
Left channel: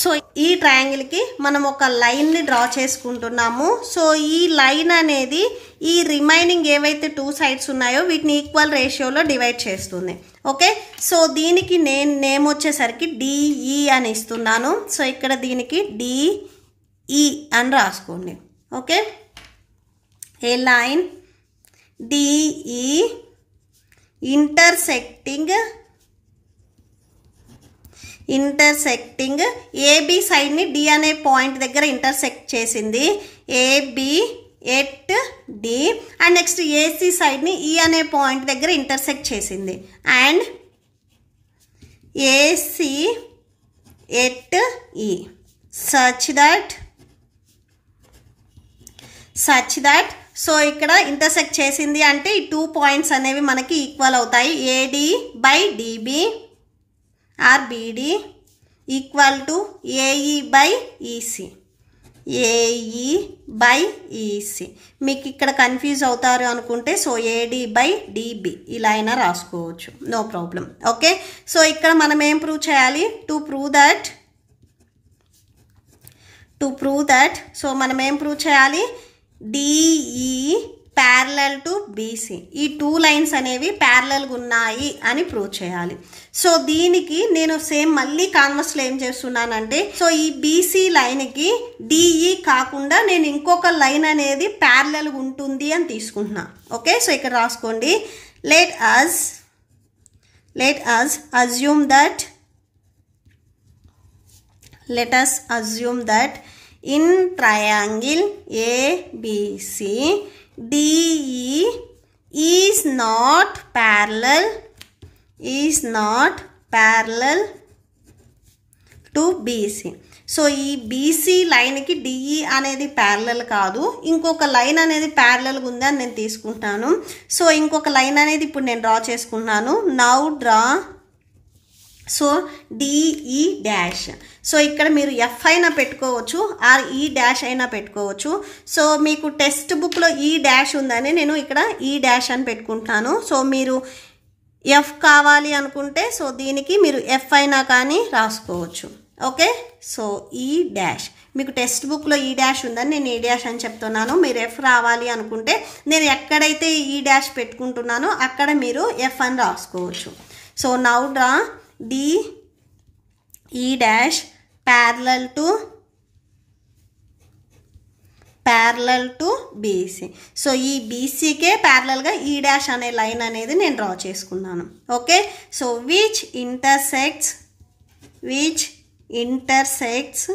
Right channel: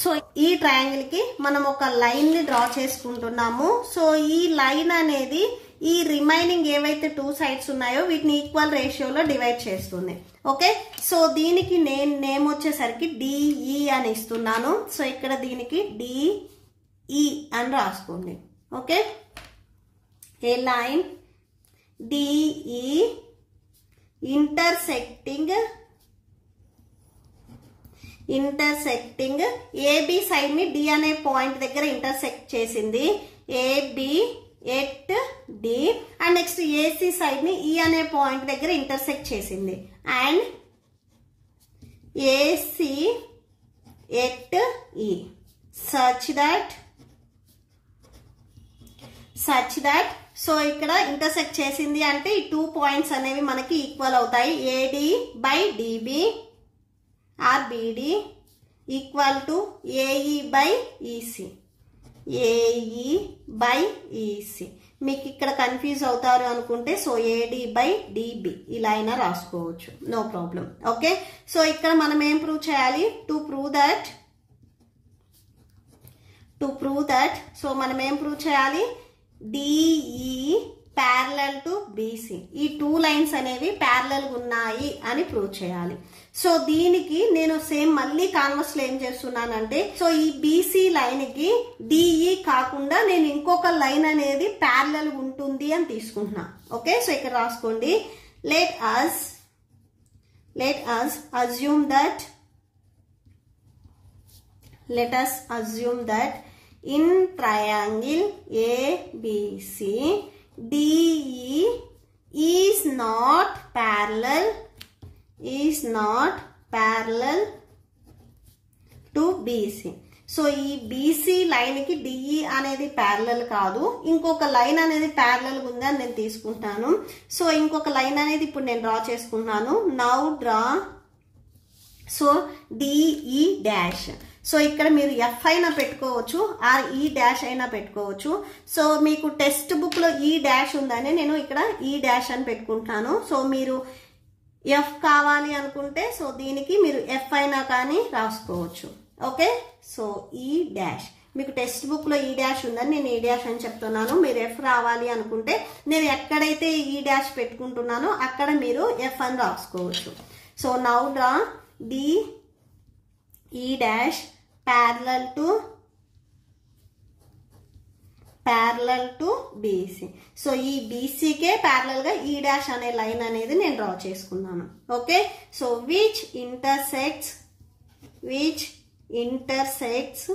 So ఈ ట్రయాంగిల్కి మనం ఒక లైన్ని డ్రా చేసుకుంటున్నాము. సో ఈ లైన్ అనేది ఈ రిమైనింగ్ ఏవైతే 2 sides ఉన్నాయో వీటిని ఈక్వల్ రేషియోలో డివైడ్ చేస్తుంది. ఓకే, సో దీనికి నేను నేమ్ వచ్చేసరికి DE అని ఇస్తున్నాను. సో ఇక్కడ దీనికి DE అని రాసుకోండి. Okay, a line DE intersecting AB సైడ్ని D అనే పాయింట్ దగ్గర ఇంటర్సెక్ట్ చేసింది. AB at D and next AC సైడ్ని ఈ అనే పాయింట్ దగ్గర ఇంటర్సెక్ట్ చేసింది and AC at E such that so ఇక్కడ ఇంటర్సెక్ట్ చేసింది అంటే ఈ 2 పాయింట్స్ అనేవి మనకి ఈక్వల్ అవుతాయి. AD by DB or BD equal to AE by EC. AE by EC మీకు ఇక్కడ కన్ఫ్యూజ్ అవుతారు అనుకుంటే సో ఏడి బై డిబి ఇలా అయినా రాసుకోవచ్చు, నో ప్రాబ్లం. ఓకే, సో ఇక్కడ మనం ఏం ప్రూవ్ చేయాలి? టు ప్రూవ్ దట్ సో మనం ఏం ప్రూవ్ చేయాలి? DE parallel to BC. ఈ 2 లైన్స్ అనేవి ప్యారలల్గా ఉన్నాయి అని ప్రూవ్ చేయాలి. సో దీనికి నేను సేమ్ మళ్ళీ కాన్వర్స్లో ఏం చేస్తున్నానంటే సో ఈ బీసీ లైన్కి డిఈ కాకుండా నేను ఇంకొక లైన్ అనేది ప్యారలల్గా ఉంటుంది అని తీసుకుంటున్నా. ఓకే, సో ఇక్కడ రాసుకోండి. Let us assume that in triangle ABC DE is not parallel to BC. So ఈ బీసీ లైన్కి డిఈ అనేది ప్యారలల్ కాదు, ఇంకొక లైన్ అనేది ప్యారలల్గా ఉంది అని నేను తీసుకుంటున్నాను. సో ఇంకొక లైన్ అనేది ఇప్పుడు నేను డ్రా చేసుకుంటున్నాను. Now draw so DE dash. So ఇక్కడ మీరు ఎఫ్ అయినా పెట్టుకోవచ్చు ఆర్ ఈ డాష్ అయినా పెట్టుకోవచ్చు. సో మీకు టెక్స్ట్ బుక్లో ఈ డాష్ ఉందని నేను ఇక్కడ ఈ డాష్ అని పెట్టుకుంటాను. సో మీరు ఎఫ్ కావాలి అనుకుంటే సో దీనికి మీరు ఎఫ్ అయినా కానీ రాసుకోవచ్చు. ఓకే, సో ఈ డాష్ మీకు టెక్స్ట్ బుక్లో ఈ డాష్ ఉందని నేను ఈ డాష్ అని చెప్తున్నాను. మీరు ఎఫ్ రావాలి అనుకుంటే నేను ఎక్కడైతే ఈ డాష్ పెట్టుకుంటున్నానో అక్కడ మీరు ఎఫ్ అని రాసుకోవచ్చు. సో నౌ డ్రా డి ఈ dash parallel to BC. So ఈ బీసీకే ప్యారలల్గా ఈ డాష్ అనే లైన్ అనేది నేను డ్రా చేసుకున్నాను. Okay, so which intersects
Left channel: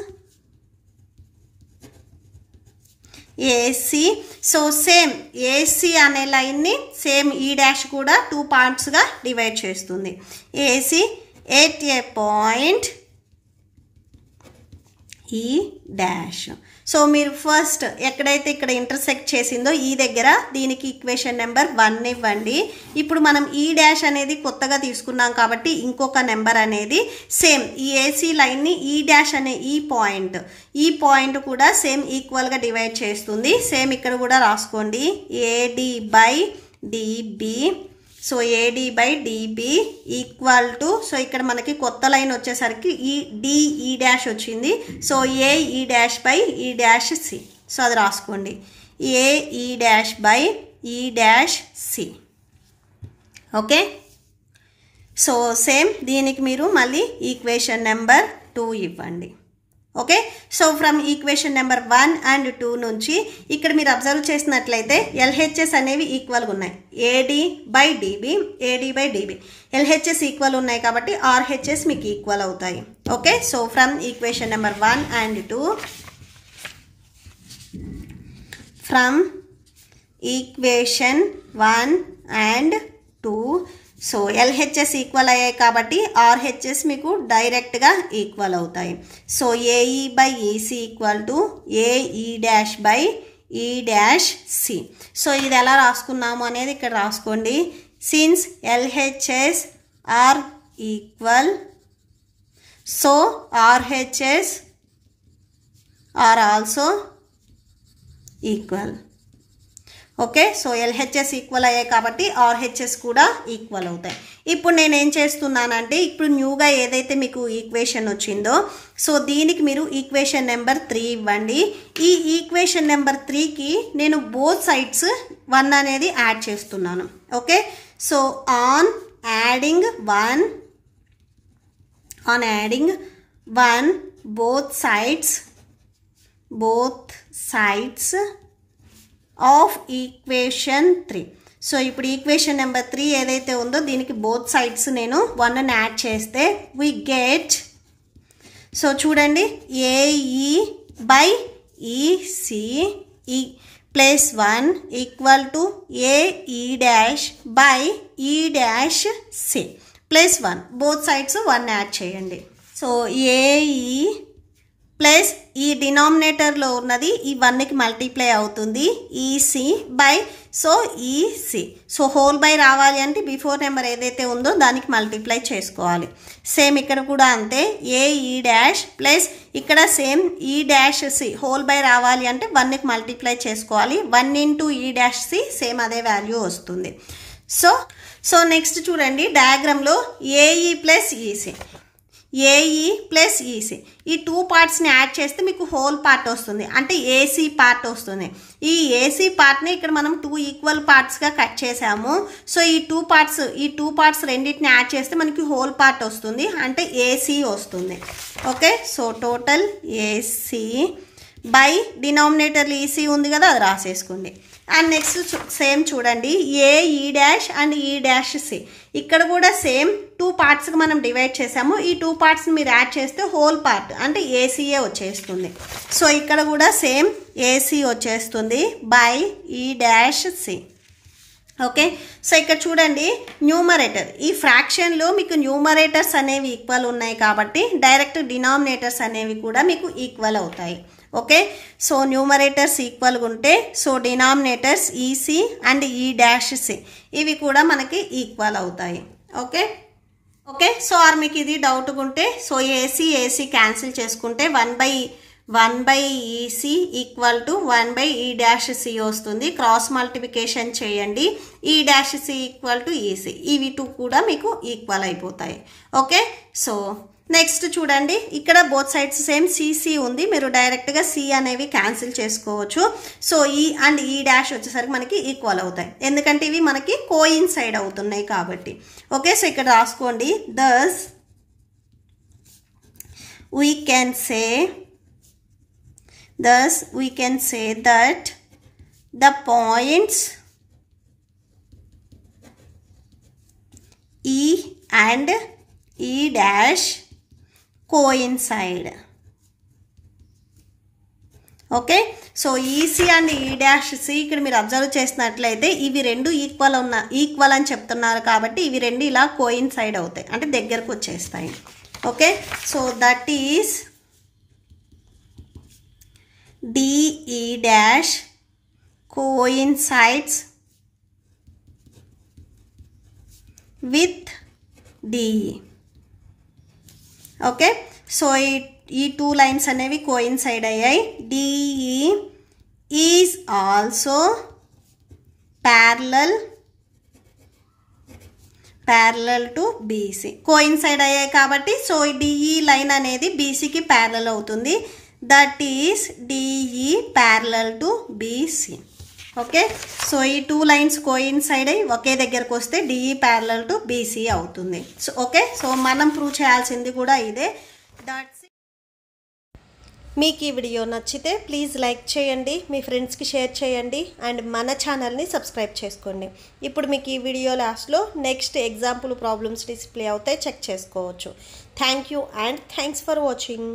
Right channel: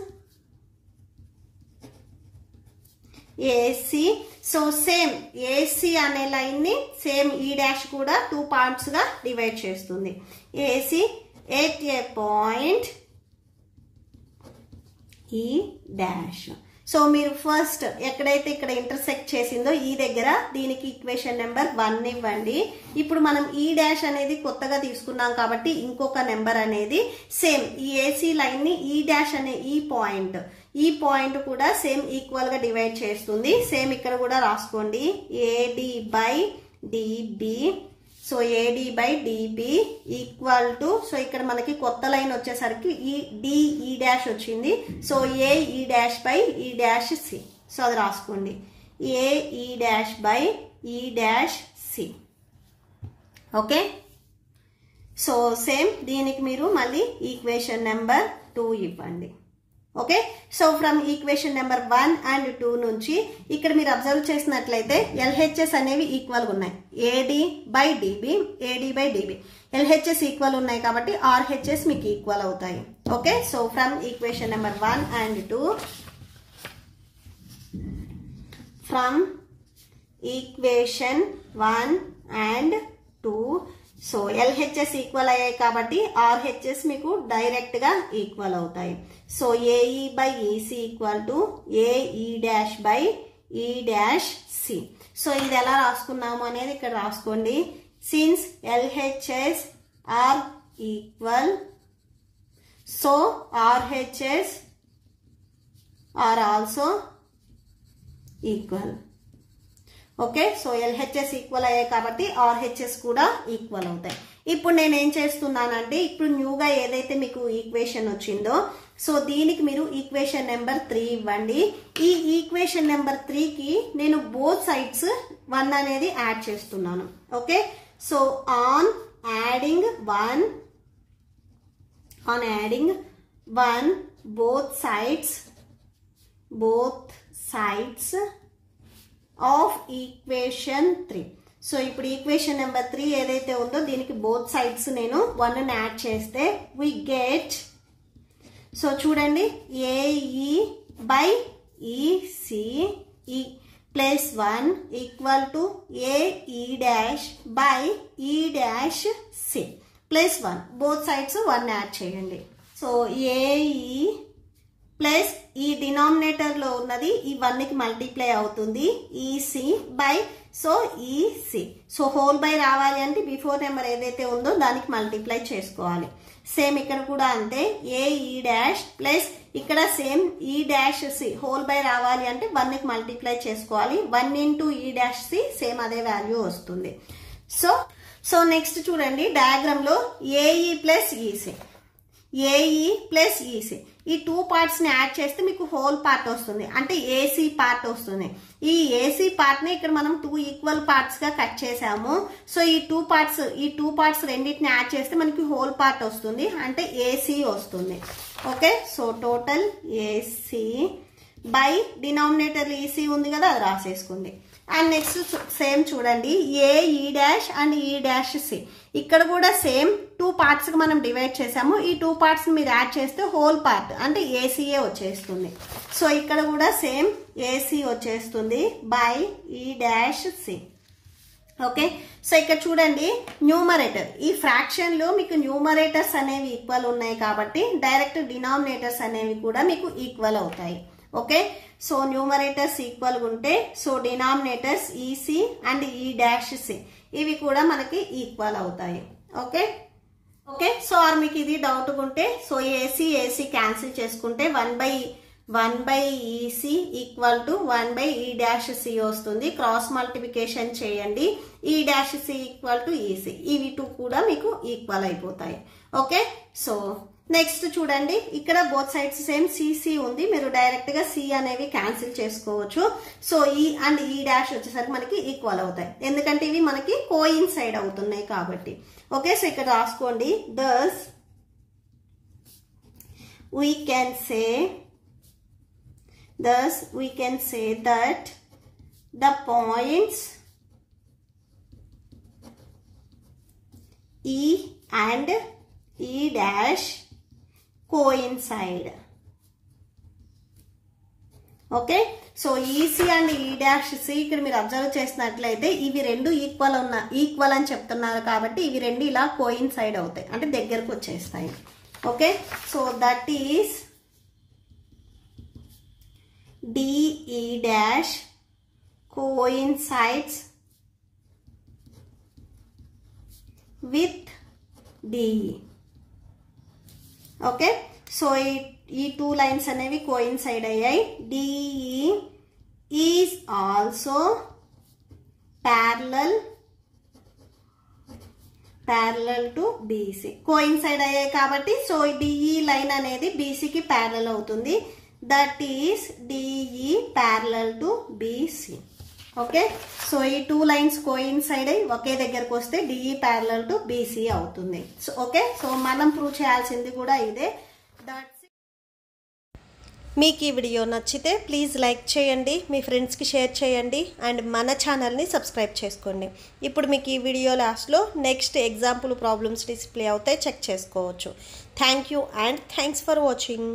AC. So same AC అనే లైన్ని సేమ్ ఈ డాష్ కూడా 2 పార్ట్స్గా డివైడ్ చేస్తుంది. ఏసీ ఎట్ ఏ పాయింట్ ఈ డాష్. సో మీరు ఫస్ట్ ఎక్కడైతే ఇక్కడ ఇంటర్సెక్ట్ చేసిందో ఈ దగ్గర దీనికి ఈక్వేషన్ నెంబర్ 1 ఇవ్వండి. ఇప్పుడు మనం ఈ డాష్ అనేది కొత్తగా తీసుకున్నాం కాబట్టి ఇంకొక నెంబర్ అనేది సేమ్ ఈ ఏసీ లైన్ని ఈ డాష్ అనే ఈ పాయింట్ కూడా సేమ్ ఈక్వల్గా డివైడ్ చేస్తుంది. సేమ్ ఇక్కడ కూడా రాసుకోండి. AD by DB. So AD by DB equal to so ఇక్కడ మనకి కొత్త లైన్ వచ్చేసరికి ఈ డిఈ డాష్ వచ్చింది. So AE dash by E dash C. So అది రాసుకోండి. AE dash by E dash C. Okay, so same దీనికి మీరు మళ్ళీ ఈక్వేషన్ నెంబర్ 2 ఇవ్వండి. Okay, so from equation number 1 and 2 నుంచి ఇక్కడ మీరు అబ్జర్వ్ చేసినట్లయితే ఎల్హెచ్ఎస్ అనేవి ఈక్వల్గా ఉన్నాయి. AD by DB LHS equal ఉన్నాయి కాబట్టి ఆర్హెచ్ఎస్ మీకు ఈక్వల్ అవుతాయి. Okay, so from equation number 1 and 2 from equation 1 and 2 so LHS equal అయ్యాయి కాబట్టి ఆర్హెచ్ఎస్ మీకు డైరెక్ట్గా ఈక్వల్ అవుతాయి. So AE by EC equal to AE dash by E dash C. So ఇది ఎలా రాసుకున్నాము అనేది ఇక్కడ రాసుకోండి. Since LHS are equal so RHS are also equal. Okay, so LHS equal అయ్యాయి కాబట్టి ఆర్హెచ్ఎస్ కూడా ఈక్వల్ అవుతాయి. ఇప్పుడు నేను ఏం చేస్తున్నానంటే ఇప్పుడు న్యూగా ఏదైతే మీకు ఈక్వేషన్ వచ్చిందో సో దీనికి మీరు ఈక్వేషన్ నెంబర్ 3 ఇవ్వండి. ఈ ఈక్వేషన్ నెంబర్ 3కి నేను బోత్ సైడ్స్ 1 అనేది యాడ్ చేస్తున్నాను. Okay, so on adding 1 both sides of equation 3. So ఇప్పుడు ఈక్వేషన్ నెంబర్ 3 ఏదైతే ఉందో దీనికి బోత్ సైడ్స్ నేను 1ని యాడ్ చేస్తే వి గెట్ సో చూడండి AE by EC plus 1 equal to AE dash by E dash C plus 1 both sides 1 add చేయండి. సో ఏఈ ప్లస్ ఈ డినామినేటర్లో ఉన్నది ఈ 1కి మల్టిప్లై అవుతుంది EC by so EC. So whole by రావాలి అంటే బిఫోర్ నెంబర్ ఏదైతే ఉందో దానికి మల్టిప్లై చేసుకోవాలి. సేమ్ ఇక్కడ కూడా అంతే ఏఈ డాష్ ప్లస్ ఇక్కడ same E dash C whole by రావాలి అంటే 1కి మల్టిప్లై చేసుకోవాలి. 1 into E dash C same అదే వాల్యూ వస్తుంది. సో నెక్స్ట్ చూడండి డయాగ్రామ్లో AE plus EC AE plus EC ఈ 2 పార్ట్స్ని యాడ్ చేస్తే మీకు హోల్ పార్ట్ వస్తుంది అంటే ఏసీ పార్ట్ వస్తుంది. ఈ ఏసీ పార్ట్ని ఇక్కడ మనం 2 ఈక్వల్ పార్ట్స్గా కట్ చేసాము. సో ఈ 2 పార్ట్స్ రెండింటిని యాడ్ చేస్తే మనకి హోల్ పార్ట్ వస్తుంది అంటే ఏసీ వస్తుంది. Okay, so total AC by denominator EC ఉంది కదా అది రాసేసుకోండి. అండ్ నెక్స్ట్ సేమ్ చూడండి ఏఈ డాష్ అండ్ ఈ డాష్ సి ఇక్కడ కూడా సేమ్ 2 పార్ట్స్కి మనం డివైడ్ చేసాము. ఈ 2 పార్ట్స్ని మీరు యాడ్ చేస్తే హోల్ పార్ట్ అంటే ఏసీఏ వచ్చేస్తుంది. సో ఇక్కడ కూడా సేమ్ ఏసీ వచ్చేస్తుంది by E dash C. Okay, so ఇక్కడ చూడండి న్యూమరేటర్ ఈ ఫ్రాక్షన్లో మీకు న్యూమరేటర్స్ అనేవి ఈక్వల్ ఉన్నాయి కాబట్టి డైరెక్ట్ డినామినేటర్స్ అనేవి కూడా మీకు ఈక్వల్ అవుతాయి. ఓకే, సో న్యూమరేటర్స్ ఈక్వల్గా ఉంటే సో డినామినేటర్స్ ఈసీ అండ్ ఈ డాష్ సి ఇవి కూడా మనకి ఈక్వల్ అవుతాయి. ఓకే, సో ఆర్ మీకు ఇది డౌట్గా ఉంటే సో ఏసీ క్యాన్సిల్ చేసుకుంటే 1 by EC equal to 1 by E dash C వస్తుంది. క్రాస్ మల్టిప్లికేషన్ చేయండి E dash C equal to EC ఇవి 2 కూడా మీకు ఈక్వల్ అయిపోతాయి. ఓకే, సో నెక్స్ట్ చూడండి ఇక్కడ బోత్ సైడ్స్ సేమ్ సిసి ఉంది మీరు డైరెక్ట్గా సి అనేవి క్యాన్సిల్ చేసుకోవచ్చు. సో ఈ అండ్ ఈ డాష్ వచ్చేసరికి మనకి ఈక్వల్ అవుతాయి ఎందుకంటే ఇవి మనకి కోయిన్సైడ్ అవుతున్నాయి కాబట్టి. ఓకే, సో ఇక్కడ రాసుకోండి thus we can say that the points E and E dash coincide. Okay, so EC and ఈ డాష్ సి ఇక్కడ మీరు అబ్జర్వ్ చేసినట్లయితే ఇవి రెండు ఈక్వల్ అని చెప్తున్నారు కాబట్టి ఇవి రెండు ఇలా కోయిన్సైడ్ అవుతాయి అంటే దగ్గరకు వచ్చేస్తాయి. Okay, so that is DE dash coincides with DE. Okay, so ఈ 2 లైన్స్ అనేవి కోయిన్సైడ్ అయ్యాయి. DE is also parallel to BC coincide అయ్యాయి కాబట్టి సో డిఈ లైన్ అనేది బీసీకి ప్యారలల్ అవుతుంది. That is DE parallel to BC. Okay, so ఈ 2 లైన్స్ కోయిన్సైడ్ అయ్యి ఒకే దగ్గరకు వస్తే డిఈ ప్యారలల్ టు బీసీ అవుతుంది. సో ఓకే, సో మనం ప్రూవ్ చేయాల్సింది కూడా ఇదే. మీకు ఈ వీడియో నచ్చితే ప్లీజ్ లైక్ చేయండి, మీ ఫ్రెండ్స్కి షేర్ చేయండి అండ్ మన ఛానల్ని సబ్స్క్రైబ్ చేసుకోండి. ఇప్పుడు మీకు ఈ వీడియో లాస్ట్లో నెక్స్ట్ ఎగ్జాంపుల్ ప్రాబ్లమ్స్ డిస్ప్లే అవుతాయి చెక్ చేసుకోవచ్చు. Thank you and thanks for watching.